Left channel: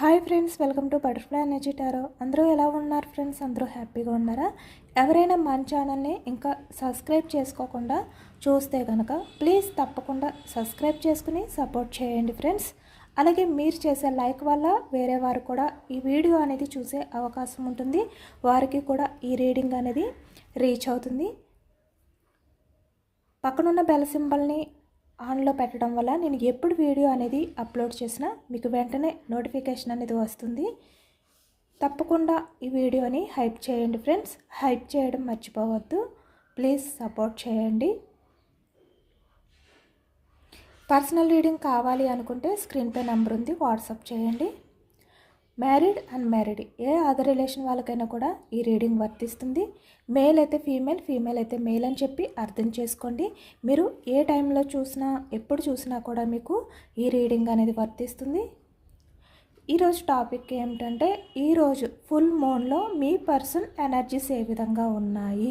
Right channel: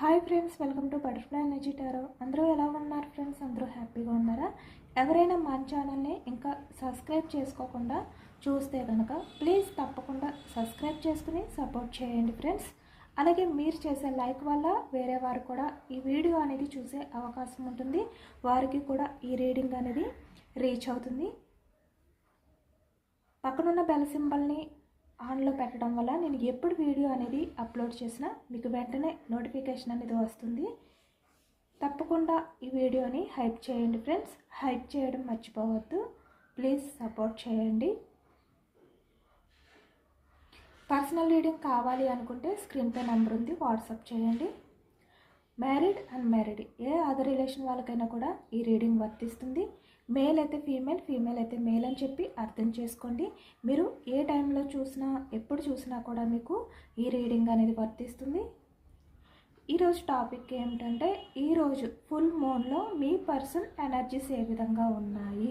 Hi friends, welcome to butterfly energy tarot. అందరూ ఎలా ఉన్నారు ఫ్రెండ్స్? అందరూ హ్యాపీగా ఉన్నారా? ఎవరైనా మన ఛానల్ని ఇంకా సబ్స్క్రైబ్ చేసుకోకుండా చూస్తే కనుక ప్లీజ్ తప్పకుండా సబ్స్క్రైబ్ చేసుకుని సపోర్ట్ చేయండి ఫ్రెండ్స్. అలాగే మీరు చేసే లైక్ వల్ల వేరే వారు కూడా ఈ వీడియో అనేది చూసే అవకాశం ఉంటుంది. వారికి కూడా ఈ రీడింగ్ అనేది రీచ్ అవుతుంది. పక్కనున్న బెల్ సింబల్ని ఆన్లో పెట్టడం వల్ల నేను ఎప్పుడు వీడియో అనేది అప్లోడ్ చేసినా మీకు వెంటనే నోటిఫికేషన్ అనేది వస్తుంది. తప్పకుండా ఈ వీడియోని హైప్ చేయండి ఫ్రెండ్స్. హైప్ చేయడం మర్చిపోవద్దు. ప్లీజ్ సపోర్ట్ చేయండి. పర్సనల్ రీడింగ్ కావాలి అనుకుంటే స్క్రీన్పై నెంబర్ ఉంది, వాట్సాప్ చేయండి. మ్యారీడ్ అన్మ్యారీడ్ ఏ అదర్ రిలేషన్ వాళ్ళకైనా కూడా ఈ రీడింగ్ వర్తిస్తుంది. మేల్ అయితే ఫీమేల్, ఫీమేల్ అయితే మేల్ అని చెప్పి అర్థం చేసుకోండి. మీరు ఏ టైంలో చూసినా ఎప్పుడు చూసినా కూడా మీకు ఈ రీడింగ్ అనేది వర్తిస్తుంది. ఈరోజు టాపిక్ ఏమిటంటే, ఈరోజు ఫుల్ మూన్లో మీ పర్సన్ ఎనర్జీస్ ఏ విధంగా ఉన్నాయి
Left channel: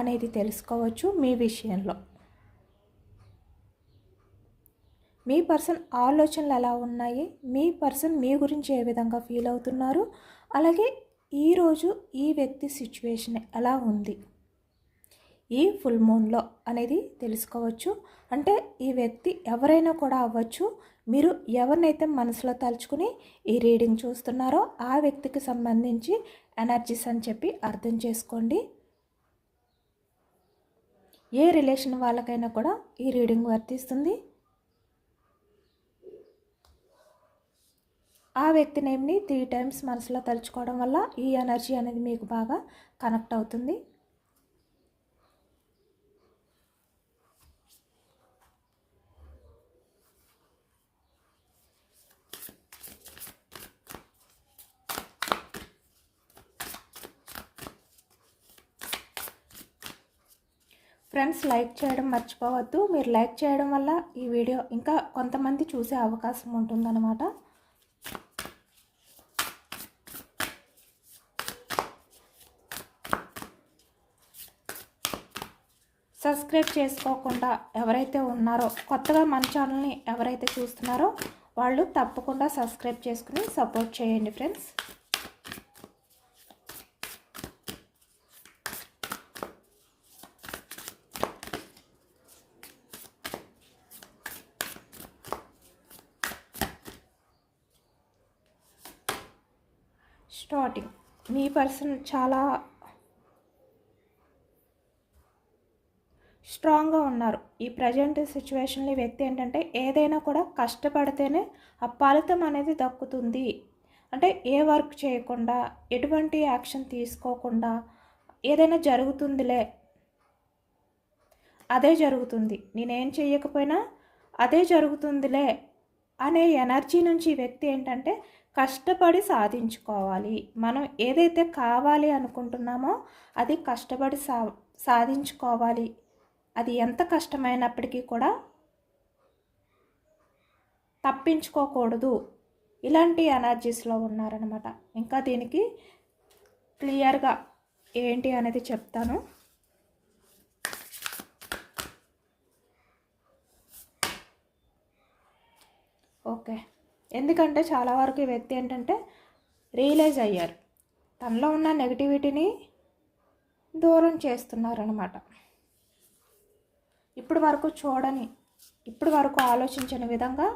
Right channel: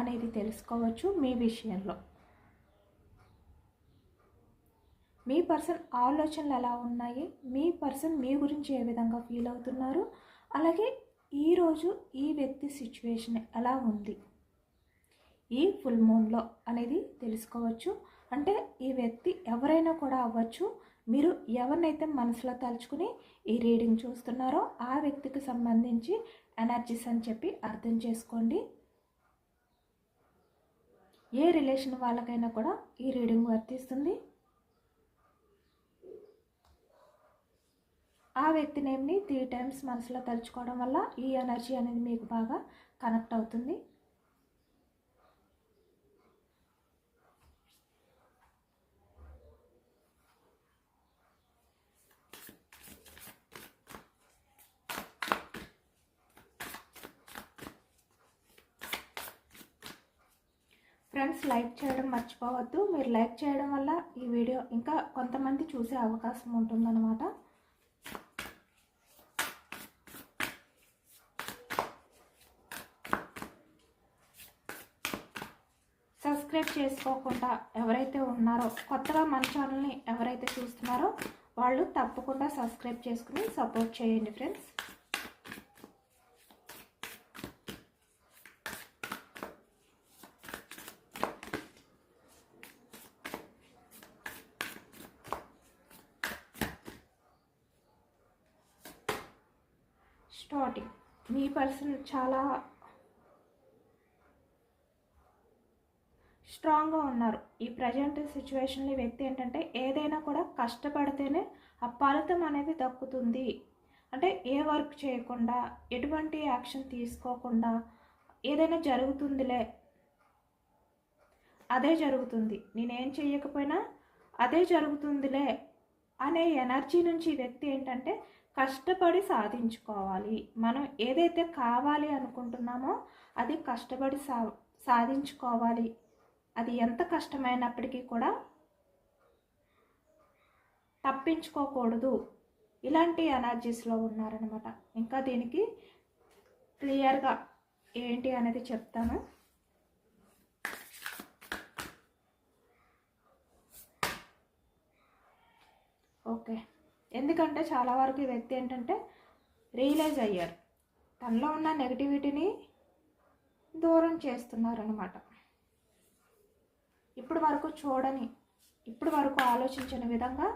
అనేది తెలుసుకోవచ్చు. మీ విషయంలో మీ పర్సన్ ఆలోచనలు ఎలా ఉన్నాయి, మీ పర్సన్ మీ గురించి ఏ విధంగా ఫీల్ అవుతున్నారు, అలాగే ఈరోజు ఈ వ్యక్తి సిచ్యువేషన్ ఎలా ఉంది ఈ ఫుల్ మూన్లో అనేది తెలుసుకోవచ్చు. అంటే ఈ వ్యక్తి ఎవరైనా కూడా అవ్వచ్చు. మీరు ఎవరినైతే మనసులో తలుచుకుని ఈ రీడింగ్ చూస్తున్నారో ఆ వ్యక్తికి సంబంధించి ఎనర్జీస్ అని చెప్పి అర్థం చేసుకోండి. ఏ రిలేషన్ వాళ్ళకైనా కూడా ఈ రీడింగ్ వర్తిస్తుంది. ఆ వ్యక్తి నేమ్ని 3 టైమ్స్ మనసులో తలుచుకోవడం వల్ల ఈ ఎనర్జీ అనేది మీకు బాగా కనెక్ట్ అవుతుంది. ఫ్రెండ్స్, లైక్ చేయడం మర్చిపోవద్దు. మీరు లైక్ చేయడం వల్ల ఈ వీడియో ఇంకా కొంతమంది చూసే అవకాశం ఉంటుందన్నమాట. సబ్స్క్రైబ్ చేసుకోకుండా ఎవరైతే ఉన్నారో, కొత్తగా మన ఛానల్ని ఎవరైతే చూస్తున్నారో వాళ్ళు తప్పకుండా సబ్స్క్రైబ్ చేసుకుని సపోర్ట్ చేయండి ఫ్రెండ్స్. స్టార్టింగ్ మీ పర్సన్ చాలా స్ట్రాంగ్గా ఉన్నారు. ఈ ప్రజెంట్ సిచ్యువేషన్లో వ్యక్తి ఏంటంటే ఏదైనా కూడా కష్టపడితేనే ఆ ఫలితం అనేది దక్కుతుంది. అంటే ఏ వర్క్ చేయకుండా, ఎటువంటి యాక్షన్ తీసుకోకుండా ఏదైనా జరుగుతుందిలే, అదే జరుగుతుంది, నేనేం చేయకపోయినా అదే జరుగుతుందిలే అనే ఎనర్జీ నుంచి వ్యక్తి ఏంటంటే కష్టపడి సాధించుకోవాలి. మనం ఏదైతే కావాలి అనుకుంటున్నామో అది కష్టపడి సాధించుకోవాలి. అది ఎంత కష్టమైనప్పటికీ కూడా తప్పించుకోకూడదు. ఇలాంటి ఎనర్జీస్లో ఉన్నారనమాట. ఇంకా దీనికి క్లియర్గా ఏంటి అనేది చెప్తాను. ఓకే, ఎందుకంటే చాలా వరకు ఈ వ్యక్తి ఏంటంటే రియలైజ్ అయ్యారు, తనలో ఉన్న నెగిటివిటీని దూరం చేస్తున్నారనమాట. ఇప్పుడు వరకు ఆలోచించిన విధంగా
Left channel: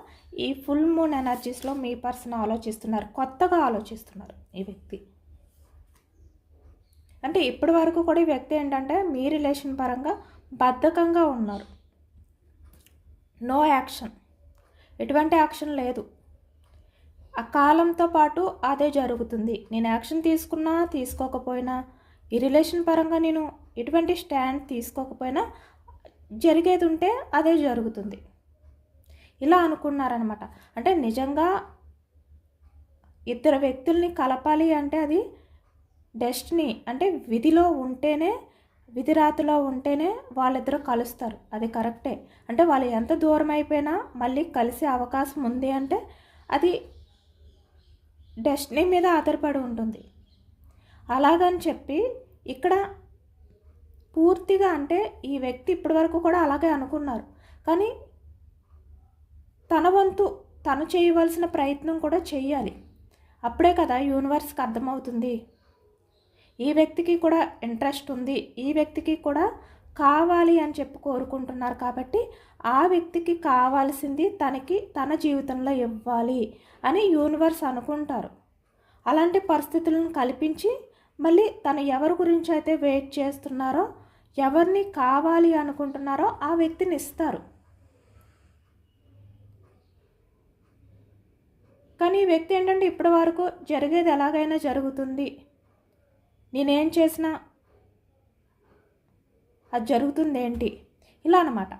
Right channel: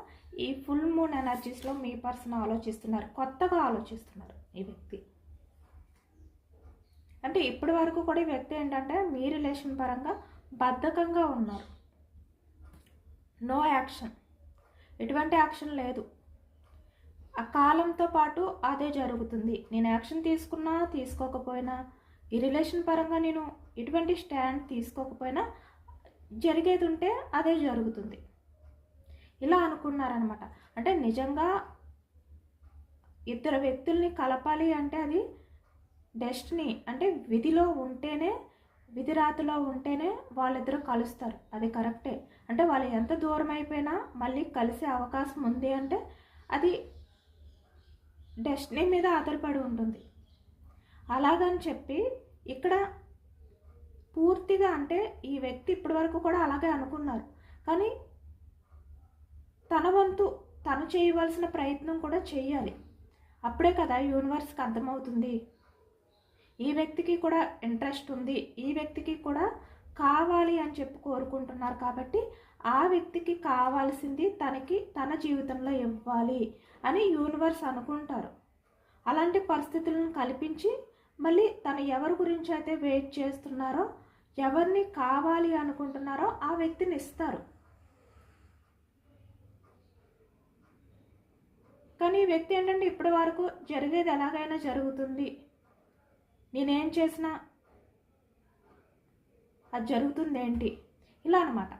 ఈ ఫుల్ మూన్ ఎనర్జీస్లో మీ పర్సన్ ఆలోచిస్తున్నారు. కొత్తగా ఆలోచిస్తున్నారు ఈ వ్యక్తి. అంటే ఇప్పటి వరకు కూడా ఈ వ్యక్తి ఏంటంటే మీ రిలేషన్ పరంగా బద్ధకంగా ఉన్నారు. నో యాక్షన్, ఎటువంటి యాక్షన్ లేదు. ఆ కాలంతో పాటు అదే జరుగుతుంది. నేను యాక్షన్ తీసుకున్నా తీసుకోకపోయినా, ఈ రిలేషన్ పరంగా నేను ఎటువంటి స్టాండ్ తీసుకోకపోయినా జరిగేది ఉంటే అదే జరుగుతుంది, ఇలా అనుకున్నారనమాట. అంటే నిజంగా ఇద్దరు వ్యక్తుల్ని కలపాలి అంటే అది డెస్టినీ, అంటే విధిలో ఉంటేనే, విధి రాతలో ఉంటేనే వాళ్ళిద్దరూ కలుస్తారు. అది కరెక్టే. అంటే వాళ్ళు ఎంత దూరం అయిపోయినా మళ్ళీ కలిసే అవకాశం ఉంది అంటే అది డెస్టినీ మీద ఆధారపడి ఉంటుంది. అలాగని చెప్పి ఇక్కడ పూర్తిగా అంటే ఈ వ్యక్తి ఇప్పటి వరకు కూడా అలాగే అనుకున్నారు, కానీ తన వంతు తను చేయవలసిన ప్రయత్నం కూడా చేయాలి. అప్పుడే కదా యూనివర్స్కి అర్థమవుతుంది ఈ వ్యక్తికి కూడా ఇంట్రెస్ట్ ఉంది, ఈ వ్యక్తికి కూడా కావాలి అని చెప్పి కోరుకుంటున్నారు కాబట్టి ఆ వ్యక్తికి కావాల్సింది తన జీవితంలో ఇవ్వాలి అని యూనివర్స్ అనుకుంటారు. అలాంటి పరిస్థితులను కల్పించి మళ్ళీ తను ఎవరి గురించి అయితే వెయిట్ చేస్తున్నారో, ఎవరిని కావాలి అనుకుంటున్నారో ఆ వ్యక్తిని ఇస్తారు. కానీ ఈ వ్యక్తి ఏంటంటే ఇప్పటి వరకు జరిగేది ఎలాగైనా జరుగుతుంది, నేనేం చేసినా అది జరుగుతుంది ఏంటి ఇలా అనమాట.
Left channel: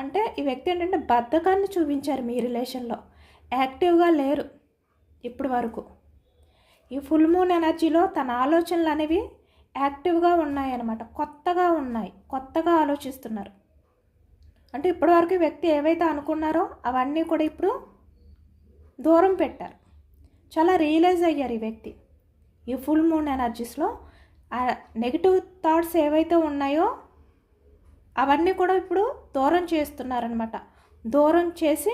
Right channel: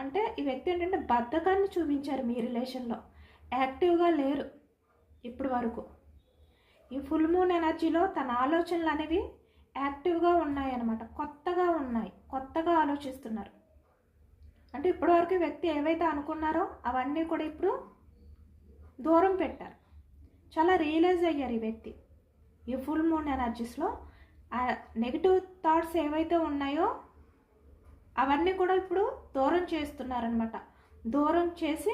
అంటే ఈ వ్యక్తి ఏంటంటే బద్ధకాన్ని చూపించారు మీ రిలేషన్లో, యాక్టివ్గా లేరు ఇప్పటి వరకు. ఈ ఫుల్ మూన్ ఎనర్జీలో తన ఆలోచనలు అనేవి యాక్టివ్గా ఉన్నాయన్నమాట, కొత్తగా ఉన్నాయి, కొత్తగా ఆలోచిస్తున్నారు. అంటే ఇప్పటివరకు ఈ వ్యక్తి ఏవైతే అనుకున్నారో అవన్నీ కూడా ఇప్పుడు దూరం పెట్టారు, చాలా రియలైజ్ అయ్యారు ఈ వ్యక్తి. ఈ ఫుల్ మూన్ ఎనర్జీస్లో నెగిటివ్ థాట్స్ ఏవైతే ఉన్నాయో అవన్నీ కూడా ఇప్పుడు దూరం చేస్తున్నారనమాట. దూరం చేసి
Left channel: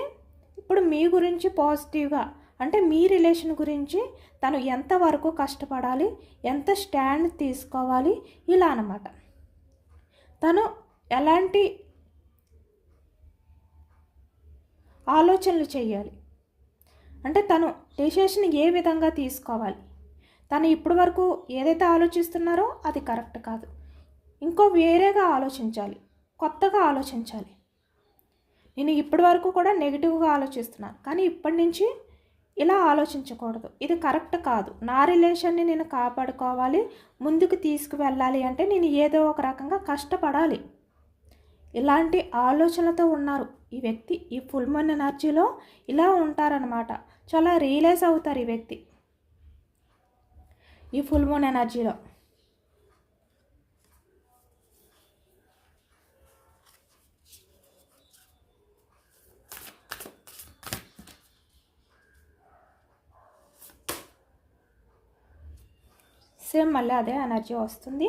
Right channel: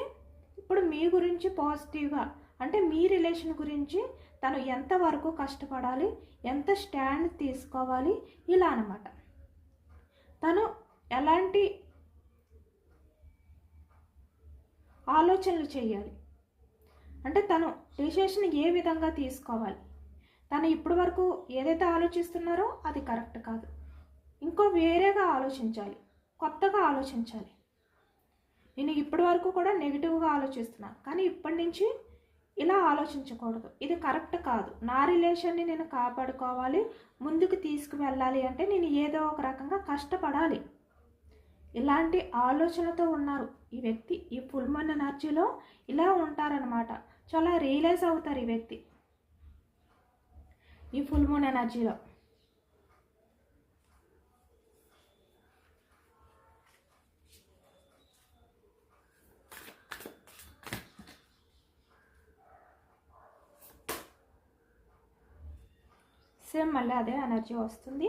ఇప్పుడు మీ గురించి పాజిటివ్గా, అంటే మీ రిలేషన్ గురించి తను ఎంతవరకు కష్టపడాలి, ఎంత స్టాండ్ తీసుకోవాలి ఇలా అనమాట. తను ఎలాంటి ఆలోచనలు చేయాలి, అంటే తను డెసిషన్ ఏ విధంగా తీసుకోవాలి, తను ఇప్పటి వరకు ఏదైతే ఆలోచిస్తున్నారో అది కరెక్ట్ కాదు, ఇంకో వేరేగా ఆలోచించాలి, కొత్తగా ఆలోచించాలి. నేను ఇప్పటి వరకు కూడా నెగిటివ్గా ఆలోచిస్తున్నాను, కానీ ఇప్పటి నుంచి ఇలా ఆలోచించకూడదు, ఇది కరెక్ట్ కాదు, నా రిలేషన్ని నేను కాపాడుకోవాలి, ముందుకు తీసుకువెళ్ళాలి అంటే నేను ఏదో ఒక రకంగా కష్టపడాలి. ఇలాంటి ఆలోచనలతో ఉన్నారు ఈ వ్యక్తి. ఈ ఫుల్ మూన్ ఎనర్జీలో ఇలా ఉంటారనమాట, చాలా రియలైజ్ అవుతారు ఈ వ్యక్తి ఈ ఫుల్ మూన్ ఎనర్జీలో. సేమ్ మళ్ళీ అదే ఎనర్జీ వస్తుంది,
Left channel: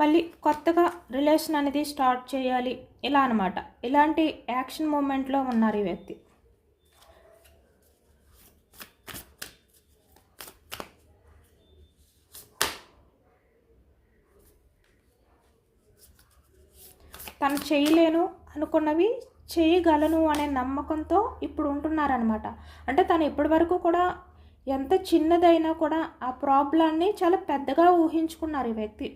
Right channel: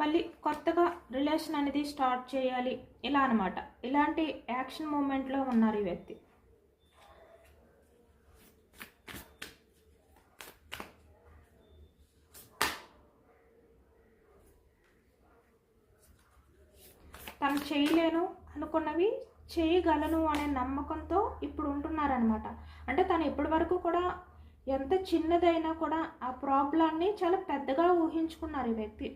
మళ్ళీ కొత్తగా రిలేషన్ అనేది స్టార్ట్ చేయాలి ఇలా అనమాట. ఇలాంటి యాక్షన్ మూమెంట్లో ఉన్నారు ఈ వ్యక్తి. తను చేయలేను అనుకున్నవి చేయగలను అనే నమ్మకంతో ఇప్పుడు ఉంటున్నారనమాట. అంటే తను ఇప్పటి వరకు కూడా ఎంత చిన్నదైనా కూడా ఆ ప్రాబ్లాన్ని చాలా పెద్దగా ఊహించుకున్నారు ఈ వ్యక్తి.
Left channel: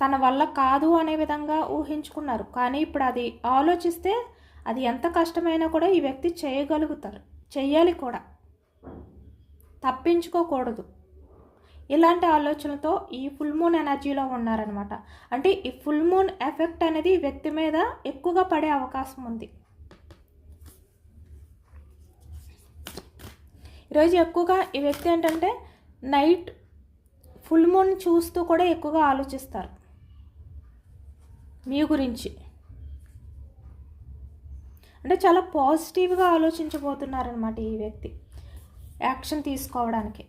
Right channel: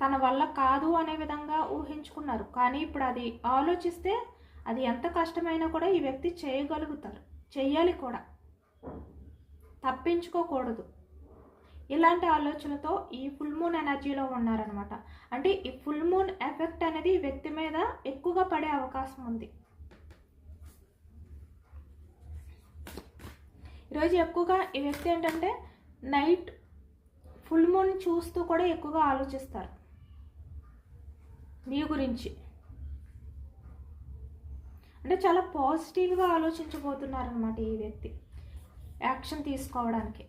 తన వల్ల కాదు అనే విధంగా ఊహించుకున్నారు, కానీ ఇప్పుడు అది ఆలోచిస్తే అది ఎంత కష్టమైనా కూడా ఈ వ్యక్తి చేయగలుగుతారు, చెయ్యాలి కూడా, తప్పించుకోకూడదు. ఇలాంటి ఆలోచనలతో ఈ ఫుల్ మూన్ ఎనర్జీలో ఉన్నారనమాట. అంటే ఈ ఫుల్ మూన్ ఎఫెక్ట్ అనేది ఈ వ్యక్తి మీద ఎక్కువగా పడే అవకాశం ఉంది. ఈరోజు ఎక్కువగా ఈ వ్యక్తి ఏంటంటే నైట్ ఫుల్ మూన్ చూస్తూ కూడా ఎక్కువగా ఆలోచిస్తారు మీ గురించి. అంటే చాలా పాజిటివ్గా ఆలోచించబోతున్నారనమాట ఈ వ్యక్తి యాక్షన్ తీసుకోవడానికి.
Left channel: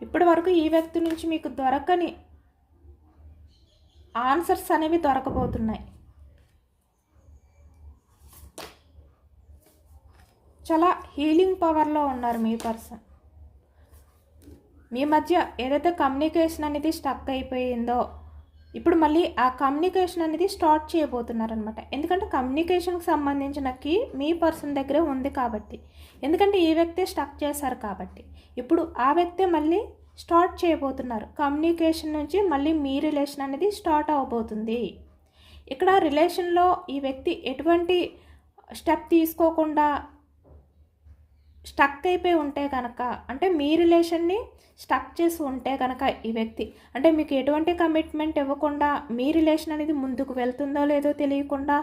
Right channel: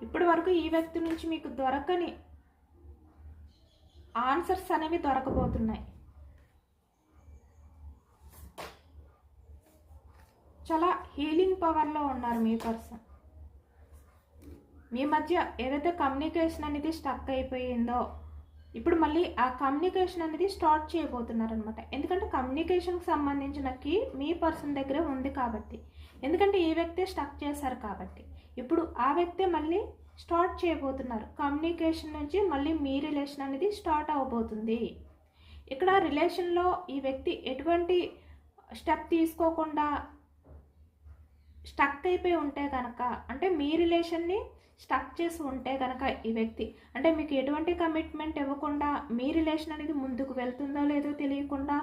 ఇప్పటి వరకు ఈ వ్యక్తి నుంచి మీకు దొరకని ఆన్సర్స్ అనేవి దొరకబోతున్నాయి. చాలా హీలింగ్ పవర్లో ఉన్నారు మీ పర్సన్. మీ మధ్య ఏదైతే కమ్యూనికేషన్ అనేది స్టక్ అయిపోయిందో ఇప్పుడు మళ్ళీ ఆ కమ్యూనికేషన్ అనేది స్టార్ట్ చేయబోతున్నారనమాట. ఎందుకంటే కమ్యూనికేషన్కి సంబంధించిన కీ మీ పర్సన్ దగ్గరే ఉంది కాబట్టి, ఎందుకంటే ఈ వ్యక్తే స్టక్ చేశారు కాబట్టి ఇప్పుడు ఆ వ్యక్తే మళ్ళీ స్టార్ట్ చేయబోతున్నారు. కమ్యూనికేషన్ నుంచి మళ్ళీ మీ రిలేషన్ అనేది స్టార్ట్ అవ్వబోతుంది. ఇక్కడ రిలేషన్లో ఈ వ్యక్తి ఎటువంటి స్టెప్ తీసుకోకుండా స్టక్ అయిపోయి ఉంటే కనుక, అంటే మీ రిలేషన్ని స్టక్ చేసి ఉంటే కనుక ఈ వ్యక్తి, అంటే మీకు ఎటువంటి కమిట్మెంట్ ఇవ్వకుండా మీ రిలేషన్ అనేది ముందుకు వెళ్తుందో లేదో తెలియకుండా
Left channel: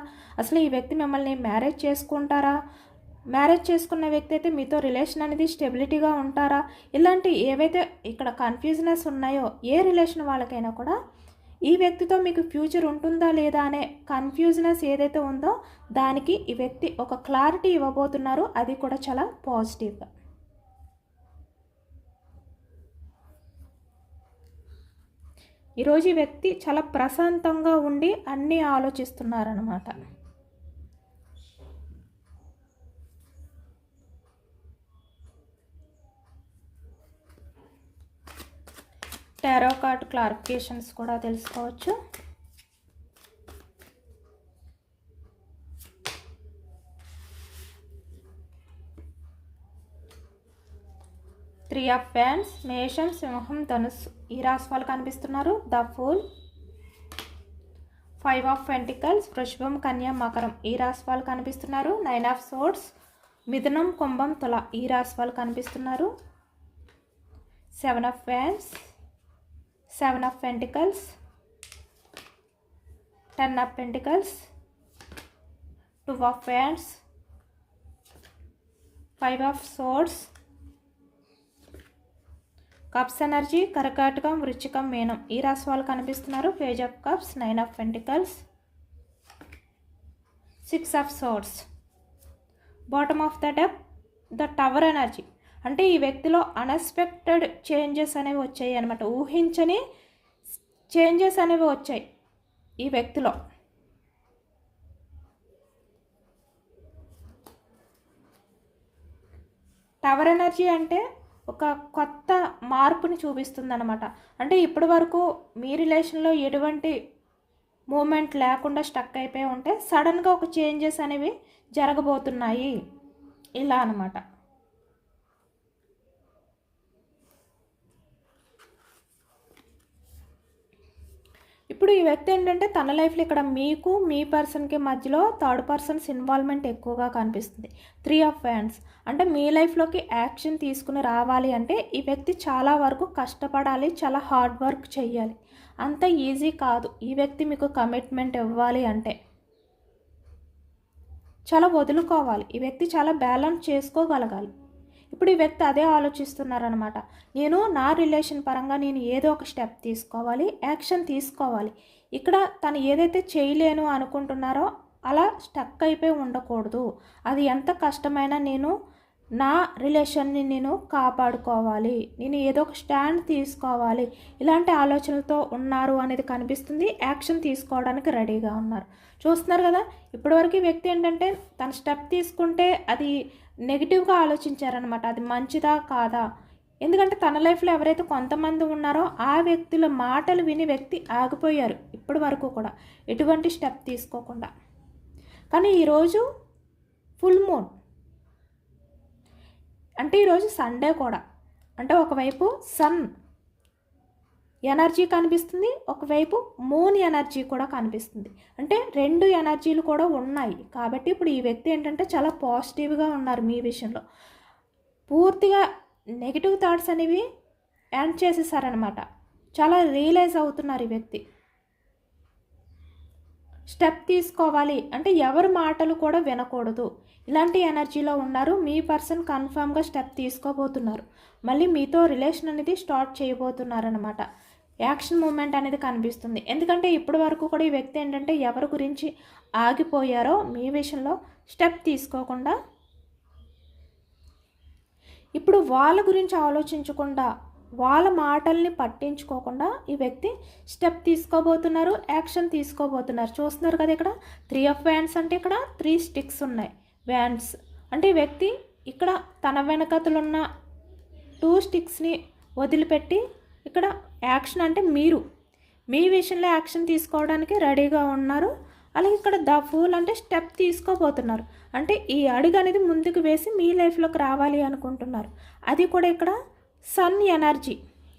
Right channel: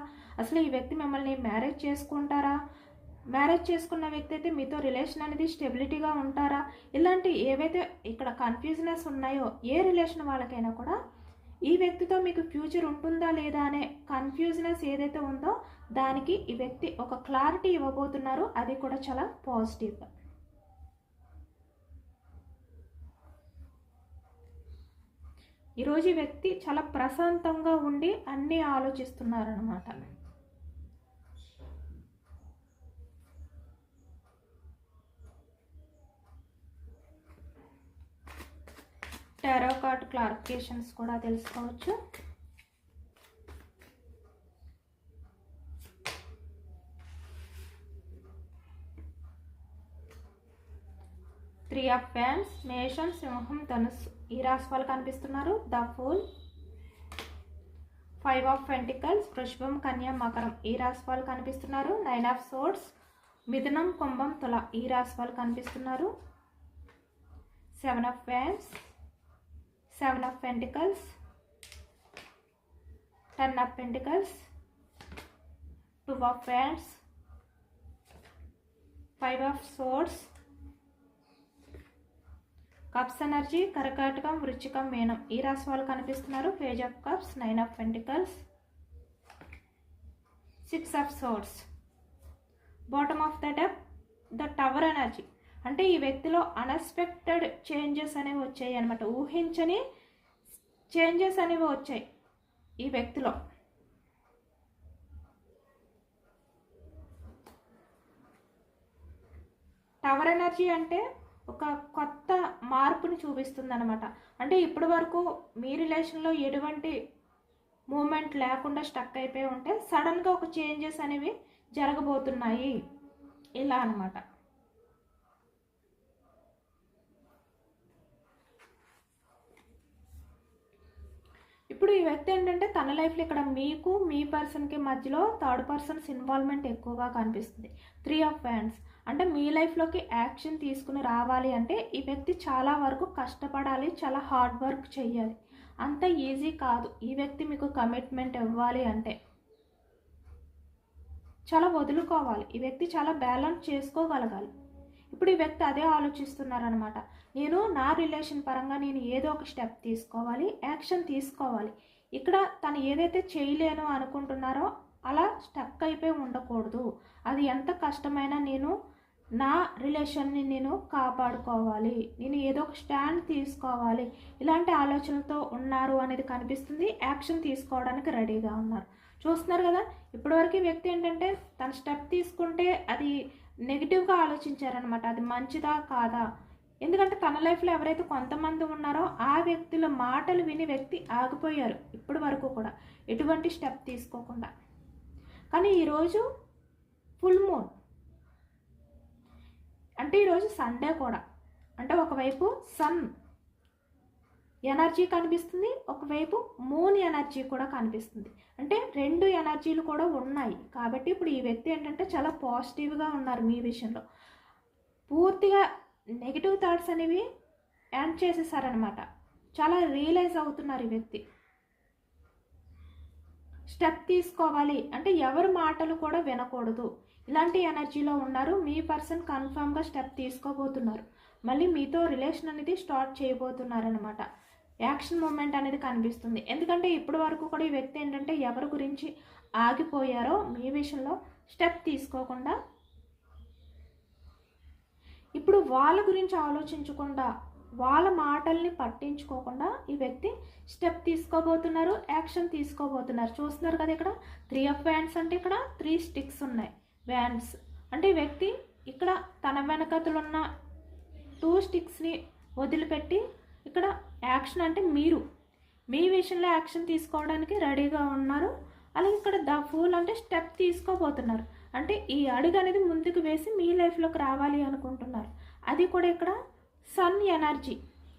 అసలు ఈ వ్యక్తి మిమ్మల్ని మ్యారేజ్ చేసుకుంటారా, మ్యారేజ్ చేసుకున్న వ్యక్తి అయితే మీతో రిలేషన్ అనేది స్టెబిలిటీగా ఉంటారా, ఇలాంటి ఏవైతే ఇక్కడ కన్ఫ్యూజనెస్ ఉన్నాయో ఏ రిలేషన్ వాళ్ళకైనా కూడా ఈ వ్యక్తితో మీకు ఫ్యూచర్ ఉంటుందా లేదా అనే కన్ఫ్యూజనెస్ ఏదైతే ఉందో దానికి ఈ వ్యక్తి ఒక క్లారిటీ ఇవ్వబోతున్నారు, అది కూడా చాలా పాజిటివ్గా. ఈరోజు ఈ వ్యక్తి చాలా ప్రశాంతంగా ఉండి అన్నీ ఆలోచిస్తున్నారనమాట. టారో కార్డ్ క్లారిఫికేషన్స్ కూడా తెలుసుకోవచ్చు. త్రీ ఆఫ్ వ్యాండ్స్, మేషం, సింహం, ధనుస్సు ఈ రాశి వాళ్ళు కనిపిస్తున్నారు. The fool, five of pentacles, వృషభం, కన్యా, మకరం ఈ రాశి వాళ్ళు కనిపిస్తున్నారు. నైన్ ఆఫ్ సోర్డ్స్, మిథునం, కుంభం, తుల ఈ రాశి వాళ్ళు కనిపిస్తున్నారు. Seven of wands, seven of pentacles, ten of pentacles, two of wands, five of swords, cups energy, కర్కాటకం, వృశ్చికం, మీనం ఈ రాశి వాళ్ళు కనిపిస్తున్నారు. Page of cups, nine of pentacles, six of swords, bottom of the deck, the tower energy. అంటే ఈ వ్యక్తిలో అన్ఎక్స్పెక్టెడ్ చేంజెస్ అనేవి వచ్చాయి అనమాట. ఊహించని చేంజెస్ అనేవి వచ్చాయి ఈ వ్యక్తిలో. టవర్ ఎనర్జీ అంటే ఒక కొత్త మార్పుని చూపిస్తుంది అనమాట. అంటే ఇప్పటి వరకు మీ రిలేషన్లో ఎటువంటి మూమెంట్ లేకుండా స్టక్ అయిపోయి ఉంటే సడన్గా ఒక చేంజెస్ అనేవి జరగబోతున్నాయి ఇలా అనమాట. ఇప్పుడు ఈ వ్యక్తి ఏంటంటే తన లైఫ్లో ఇక్కడ మీకు మీ పర్సన్కి మధ్యలో థర్డ్ పర్సన్స్ ఇన్వాల్వ్మెంట్ ఎక్కువగా కనిపిస్తుంది. త్రీ ఆఫ్ వ్యాండ్స్ అంటే మీ లైఫ్లోకి యాక్షన్ తీసుకుని రావాలి అంటే ఈ వ్యక్తి చాలా వరకు కష్టపడాలి, చాలా హార్డ్ వర్క్ చేయాలి. అంత ఈజీ కాదు. ఈ వ్యక్తి మీకు కమిట్మెంట్ ఇవ్వాలి అంటే చాలా వదులుకోవాలి. ఈ వ్యక్తి చాలా బ్యాలెన్స్ చేసుకోగలగాలి. ఇప్పుడు ఈ వ్యక్తి అదే ఆలోచిస్తున్నారనమాట. నేను నా రిలేషన్ పరంగా నేను ఏదో ఒక స్టెప్ తీసుకోవాలి, యాక్షన్ తీసుకోవాలి. ఇక్కడ తను ఏదైతే చేయలేను అనుకుంటున్నారో అలా స్టక్ అయిపోయి ఉండకూడదు. అది ఎంత కష్టమైనా నేను నా రిలేషన్ని నేను కాపాడుకోవాలి, నేను ఏదో ఒక స్టాండ్ తీసుకోవాలి, ఇలాంటి ఆలోచనలతో ఉన్నారు అనేది కనిపిస్తుంది. యాక్షన్ తీసుకోవడానికి రెడీగా ఉన్నారు. చూస్తున్నారు కదా, ఇప్పటివరకు ఈ వ్యక్తి ఏంటంటే తన స్టెప్ తీసుకుంటే అది నెగిటివ్గా ఆలోచించారనమాట. అది మంచిదా కాదా, ఎందుకంటే తన లైఫ్లో ఎవరైతే కొంతమంది ఉన్నారో ఆ వ్యక్తుల మాటలు విని వ్యక్తి ఆగిపోయారు ఇప్పటి వరకు కూడా ఎటువంటి స్టెప్ తీసుకోకుండా. కానీ ఈరోజు ఫుల్ మూన్ అంటే ఈరోజు సండే కూడా, అంటే ఒకవైపు సన్ ఎనర్జీ కనిపిస్తుంది, ఒకవైపు మూన్ ఎనర్జీ కూడా కనిపిస్తుంది. అంటే రెండు ఎనర్జీలు కూడా ఉన్నాయి. కాబట్టి ఇప్పుడు ఈ వ్యక్తి ఏంటంటే చాలా పాజిటివ్గా ఉన్నారు. మీ విషయంలో పూర్తిగా నెగిటివ్ థాట్స్ అనేవి ఎండ్ చేసేసారనమాట. చాలా రియలైజ్ అవుతున్నారు ఈ వ్యక్తి. స్టెప్ తీసుకోవాలి అంటే ఎవరి మాటలు కూడా వినకూడదు, ఇలాంటి ఎనర్జీలో ఉన్నారు. మీ పర్సన్ కన్ఫామ్గా స్టెప్ తీసుకోబోతున్నారు. మళ్ళీ మీతో రిలేషన్ అనేది స్టార్ట్ చేయబోతున్నారనమాట. యాక్షన్ మూమెంట్ అనేది కనిపిస్తుంది. ఎందుకంటే ఇప్పటి వరకు కూడా ఈ వ్యక్తి ఏంటంటే ఎవరి గురించి ఆగిపోయారో మీ విషయంలో స్టెప్ తీసుకోకుండా ఇప్పుడు వాళ్ళ గురించి ఆలోచించకుండా వాళ్ళ మాటల్ని పట్టించుకోకుండా ఈ వ్యక్తి స్టెప్ తీసుకోబోతున్నారు, యాక్షన్ తీసుకోబోతున్నారు. చూస్తున్నారు కదా, ఇక్కడ త్రీ ఆఫ్ వ్యాండ్స్ అంటే ఇక్కడ 3 స్టిక్స్ ఉన్నాయి. వ్యాండ్స్ అంటే ఈ వ్యక్తి ఇక్కడ తన వెనకతలున్న 2 స్టిక్స్ని వదిలిపెట్టి ఇక్కడ యాక్షన్ అంటే మీరు మీ విషయంలో యాక్షన్ తీసుకోవడానికి రెడీగా ఉన్నారు. అలాగే ఇక్కడ ద ఫూల్ అంటే స్టెప్ తీసుకోబోతున్నారు. అంటే ఈ అడుగు అనేది ముందుకు వేసి మీ లైఫ్లోకి రావాలి అనుకుంటున్నారు. అది కూడా ఇక్కడ సన్ ఎనర్జీ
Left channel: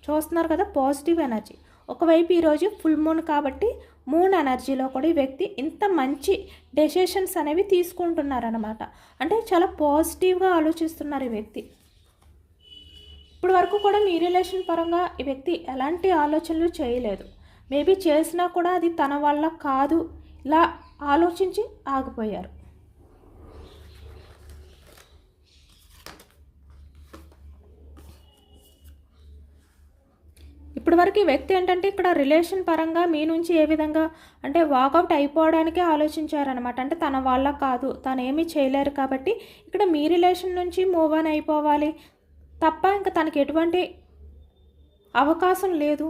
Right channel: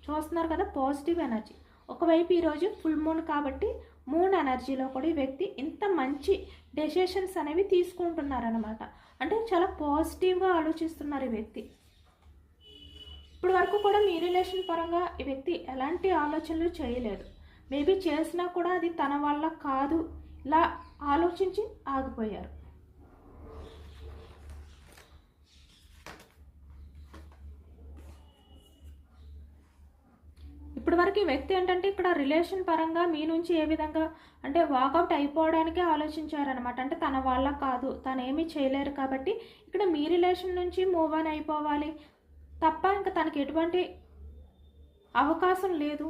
చూస్తున్నారు కదా, పాజిటివ్ ఎనర్జీ. ఒకవైపు ఈరోజు ఫుల్ మూన్ కాబట్టి మూన్ ఎనర్జీలో కూడా ఈ వ్యక్తి ఇంత మంచి డెసిషన్స్ అనేవి తీసుకుంటున్నారనమాట. అంటే చాలా పాజిటివ్గా ఆలోచిస్తున్నారు ఈ వ్యక్తి. ఇప్పుడు వరకు కూడా మీ రిలేషన్ పరంగా ఈ వ్యక్తి ఎలాంటి ఆలోచనలు చేయలేదు. మేబీ చేసినా కూడా అది తన వల్ల కాదు, ఇలా ఆలోచించి ఆగిపోయారు. ఇప్పటి వరకు ఈ వ్యక్తి ఏంటంటే ఇక్కడ రిలేషన్ పరంగా మీ నుంచి ఏ విధంగా అంటే వాకౌట్ అయిపోవడానికే ఆలోచించారనమాట. అంటే తన వల్ల కాదు, తను ఏమీ చేయలేరు కాబట్టి ఇక్కడ మీ రిలేషన్ నుంచి మూవ్ ఆన్ అయిపోవాలి తప్ప ఇంకా తనకి ఎటువంటి అవకాశం లేదు.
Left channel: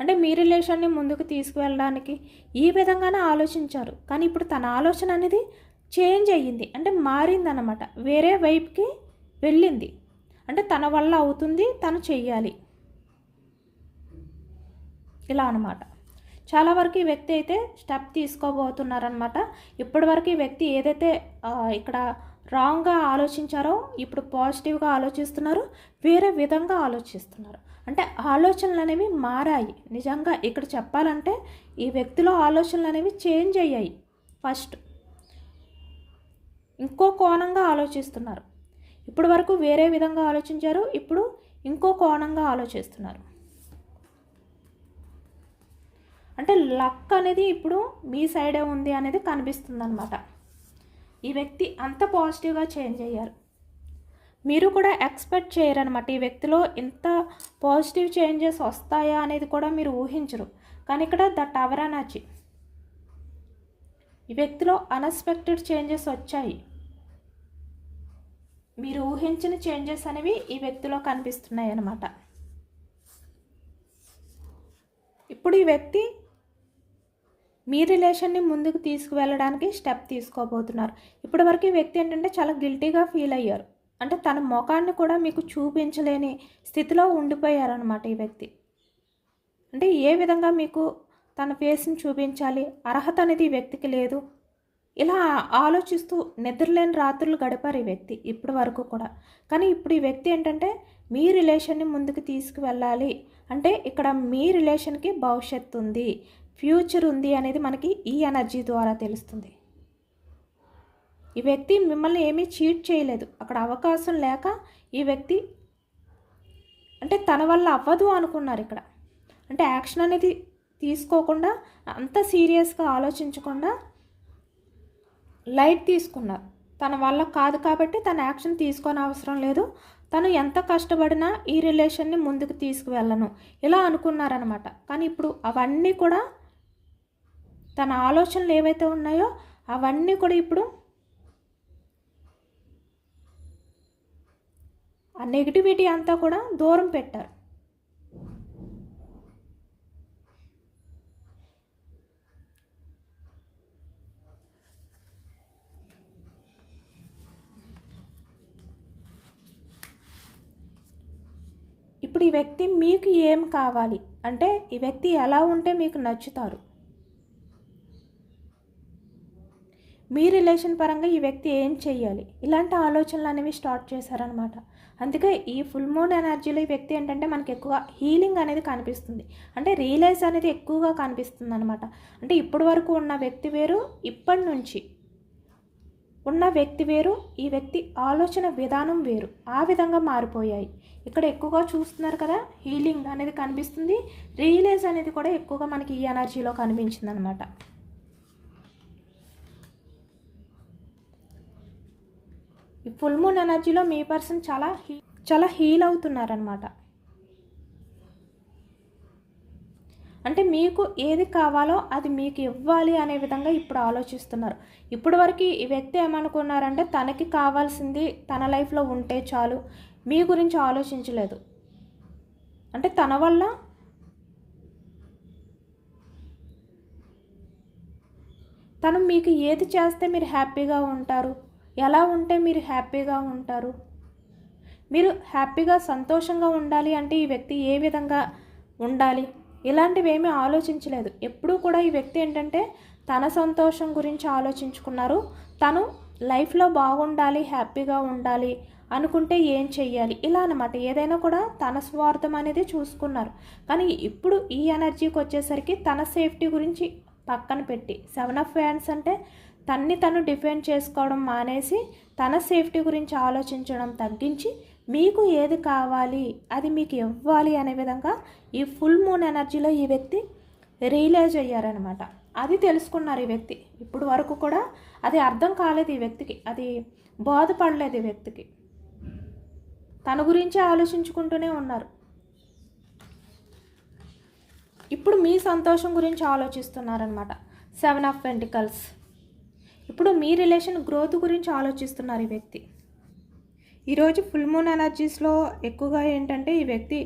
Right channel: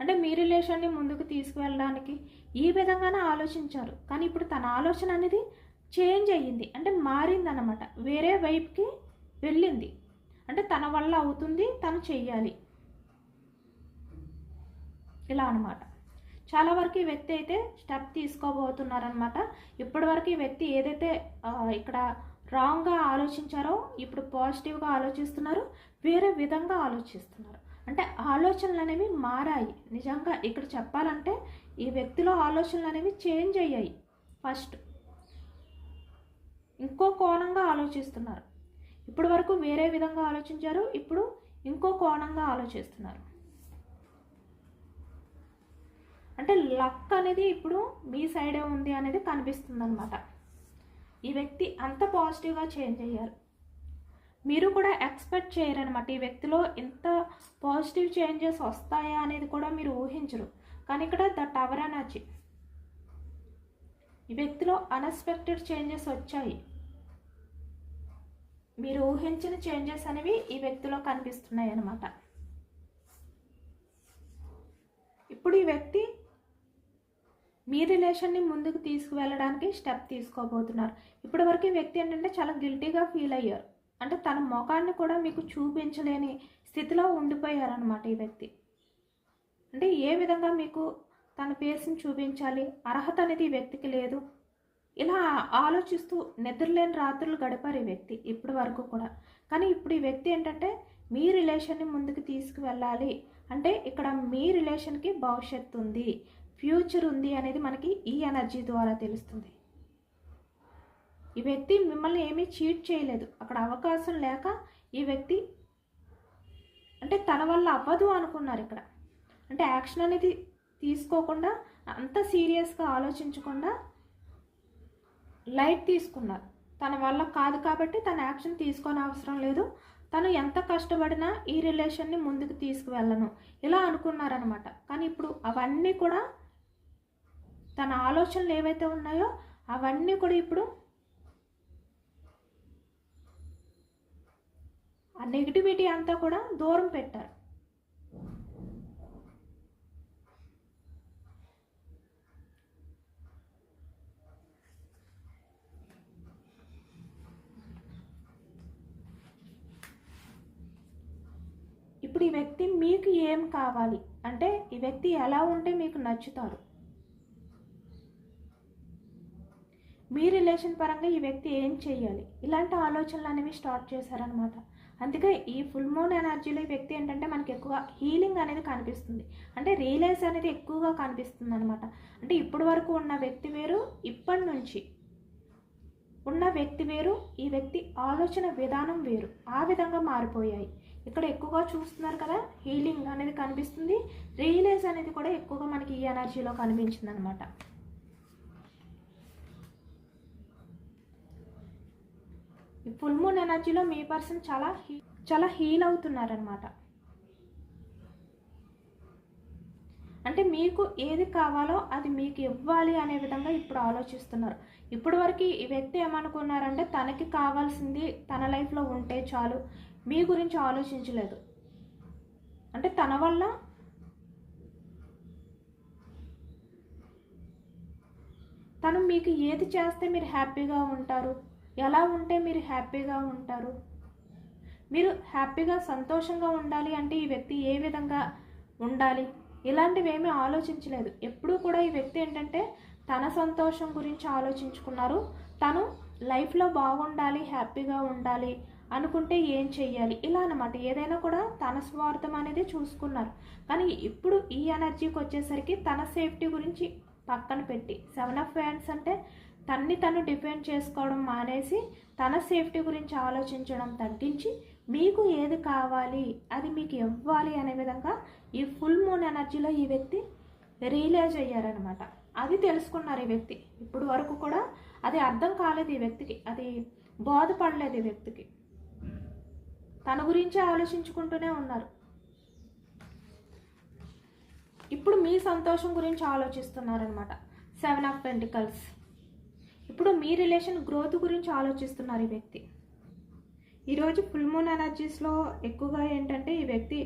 అంటే మీ రిలేషన్ని ముందుకు తీసుకువెళ్ళడానికి ఈ విధంగానే ఆలోచించారు. కానీ ఇప్పుడు తన ఆలోచన అనేది చేంజ్ అయ్యింది, అంటే మారిందన్నమాట, వేరే వైపుకి వెళ్ళింది. అంటే తన వల్ల అవుతుంది, తను చెయ్యాలి, ఇలా అనమాట. చాలా వరకు ఈ వ్యక్తి అయితే స్టెప్ తీసుకోబోతున్నారనమాట. ఇప్పటివరకు ఈ వ్యక్తి ఏదైతే ఇక్కడ రాంగ్గా ఆలోచించారో ఇప్పుడు పాజిటివ్గా ఆలోచిస్తున్నారు, వేరే విధంగా ఆలోచిస్తున్నారు. అంటే ఆలోచనలు అనేవి మారాయి. నిజంగా ఇక్కడ చెప్పాలంటే ఈ వ్యక్తిలో ఆలోచనలు అనేవి చేంజ్ అయ్యాయి. ఫస్ట్ ఇంకో కోణంగా ఆలోచిస్తున్నారు. ఇప్పటి వరకు వేరే విధంగా ఆలోచించారు, ఇప్పుడు ఇంకో కోణంగా ఆలోచిస్తున్నారు. అంటే లక్ అనేది ఇప్పుడు మీ సైడే ఉంది అనేది కనిపిస్తుంది అనమాట. ఈ వ్యక్తి అంత పాజిటివ్గా చేంజ్ అయ్యారు. మీరు కూడా ఎక్స్పెక్ట్ చేయరనమాట ఈ వ్యక్తిలో ఇంత పాజిటివ్ చేంజెస్ వస్తాయా అనేది కూడా మీరు ఊహించరు. కానీ ఇక్కడ ద టవర్ ఎనర్జీ, ఈ వ్యక్తిలో అన్ఎక్స్పెక్టెడ్ చేంజెస్ వచ్చాయి. మీరు ఊహించిన చేంజెస్ అనేవి ఈ వ్యక్తిలో కనిపిస్తున్నాయి అన్నమాట. ఇప్పుడు ఈ వ్యక్తి మీ రిలేషన్ని ముందుకు తీసుకువెళ్ళడానికి స్టెప్ తీసుకోబోతున్నారు. ఇప్పటి వరకు ఈ వ్యక్తి ఏంటంటే చాలా గిల్టీగా ఫీల్ అయ్యారు. అంటే తన ముఖాన్ని కూడా మీకు చూపించలేని స్థితిలో ఉండిపోయారనమాట ఈ వ్యక్తి. అంటే ఏ విధంగా మీకు తన ఫేస్ని చూపించాలి, అర్హత అనేది ఈ వ్యక్తికి లేదు. ఇలా ఆలోచిస్తూ నిద్రలేని రాత్రులు గడిపారు ఈ వ్యక్తి ఇప్పటి వరకు కూడా. కానీ ఇప్పుడు ఈ వ్యక్తి ఏంటంటే మీ రిలేషన్ని ముందుకు తీసుకువెళ్ళాలి అంటే ఇక్కడ మీ రిలేషన్కి భవిష్యత్తు ఉంది, ఫ్యూచర్ ఉంది అనేది మనకి ఈ ఎనర్జీ ద్వారా తెలుస్తుంది. ఈ వ్యక్తి మిమ్మల్ని ఏమీ చీట్ చేయలేదు. అక్కడ అవకాశం లేక ఈ వ్యక్తి అంటే తన వల్ల అవ్వదు అనుకున్నారు ఇక్కడ. అంటే యాక్షన్ అనేది తీసుకోకుండా, అంత సీరియస్గా ఆలోచించకుండా లైట్ తీసుకున్నారు. తన వల్ల కాదు కాబట్టి తన యాక్షన్ తీసుకొని అవసరం లేదు, తను ఎంత కష్టపడినా ఈ రిలేషన్ని ముందుకు తీసుకువెళ్ళను ఇలా అనుకున్నారనమాట. కానీ ఇప్పుడు అవన్నీ కూడా తన ఆలోచనలు ఏవైతే ఉన్నాయో అవన్నీ కూడా ఇప్పుడు ఆ నెగిటివిటీ అంతా కూడా దూరం పెట్టారు. ఇప్పుడు ఈ వ్యక్తి మీకు ఏం కావాలి అంటే ఈ వ్యక్తి ఎలా ఉంటే మీకు నచ్చుతారు, మీ రిలేషన్ పరంగా ఈ వ్యక్తి ఏం చెయ్యాలి, ఇలాంటి ఆలోచనలు అనేవి స్టార్ట్ చేశారనమాట. అందుకే ఈ ఫుల్ మూన్ ఎనర్జీలో ఈ వ్యక్తి ఏంటంటే మనకి ఎక్కువ హీలింగ్ అనేది కనిపిస్తుంది. అంటే రియలైజ్ అనేది ఎక్కువగా కనిపిస్తుంది అనమాట. అంటే ఇప్పటి వరకు ఉన్న వ్యక్తి వేరు, ఇప్పటి నుంచి ఉన్న వ్యక్తి వేరు, ఈ వ్యక్తి ఆలోచన విధానం వేరు, ఆ విధంగా మారిపోయాయి. ఇక్కడ ఎక్కువగా చూస్తున్నారు కదా, హీలింగ్ అనేది కనిపిస్తుంది, రియలైజ్ అనేది కూడా ఎక్కువగా మనకి ఈ ఎనర్జీలో కనిపించింది అనమాట. ఈ ఫుల్ మూన్ ఎనర్జీలో మీ పర్సన్ చాలా హీల్ అవుతున్నారనమాట. అంటే మీకు ఏది కావాలో అది మీకు ఇవ్వాలి అనే విధంగా ఇప్పుడు ఆలోచిస్తున్నారు. ఇప్పటి వరకు ఈ వ్యక్తి ఏమనుకున్నారంటే తనకి కావాల్సింది తన లైఫ్లో ఉంటే చాలు, మీ గురించి ఆలోచించలేదు. అంటే తన వల్ల తను మీకు ఏది చేస్తే మీరు హ్యాపీగా ఉంటారు, ఎలా ఉంటే మీరు హ్యాపీగా ఉంటారు, మీరు హ్యాపీగా సంతోషంగా ఉండాలి అంటే ఈ వ్యక్తి ఏ విధంగా ఉండాలి, ఇలాంటివి ఏమీ ఆలోచించలేదు. ఎప్పుడూ కూడా ఈ వ్యక్తి ఏంటంటే తన సంతోషం గురించి ఆలోచించుకున్నారు. తను లైఫ్లో బాగుండాలి, హ్యాపీగా ఉండాలి అనుకుంటే ఏం చెయ్యాలి ఇలా అన్నమాట. ఏదైనా కూడా తన స్వార్థం అనేది చూసుకున్నారు. కానీ ఇప్పుడు ఈ ఎనర్జీకి వచ్చేసరికి తన సేఫ్టీ గురించి పక్కన పెట్టి 7 ఆఫ్ వ్యాండ్స్ అంటే తను డిఫెండ్ చేసుకోవడం మానేసి తన సేఫ్టీ గురించి ఆలోచించడం తగ్గించి మీకు ఏది కావాలి అది మీకు ఇవ్వాలి అనే విధంగా ఈ ఫుల్ మూన్ ఎనర్జీలో ఈ వ్యక్తి రియలైజ్ అయ్యారనమాట. అది తెలుసుకున్నారు ఈ వ్యక్తి. ఇప్పుడు వరకు కూడా అది అర్థం కాలేదు ఈ వ్యక్తికి, అది బాధపడలేదు ఈ వ్యక్తికి, తన గురించి ఆలోచించుకుంటూనే ఉన్నారు. ఇప్పుడు మీ సంతోషం గురించి ఆలోచిస్తున్నారనమాట. 7 ఆఫ్ పెంటికల్స్. ఇప్పుడు మీ రిలేషన్ గ్రోత్ గురించి ఆలోచిస్తున్నారు ఈ వ్యక్తి. ఈరోజు ఫుల్ మూన్ ఎనర్జీస్లో ఎక్కువగా ఏంటంటే ఈ వ్యక్తి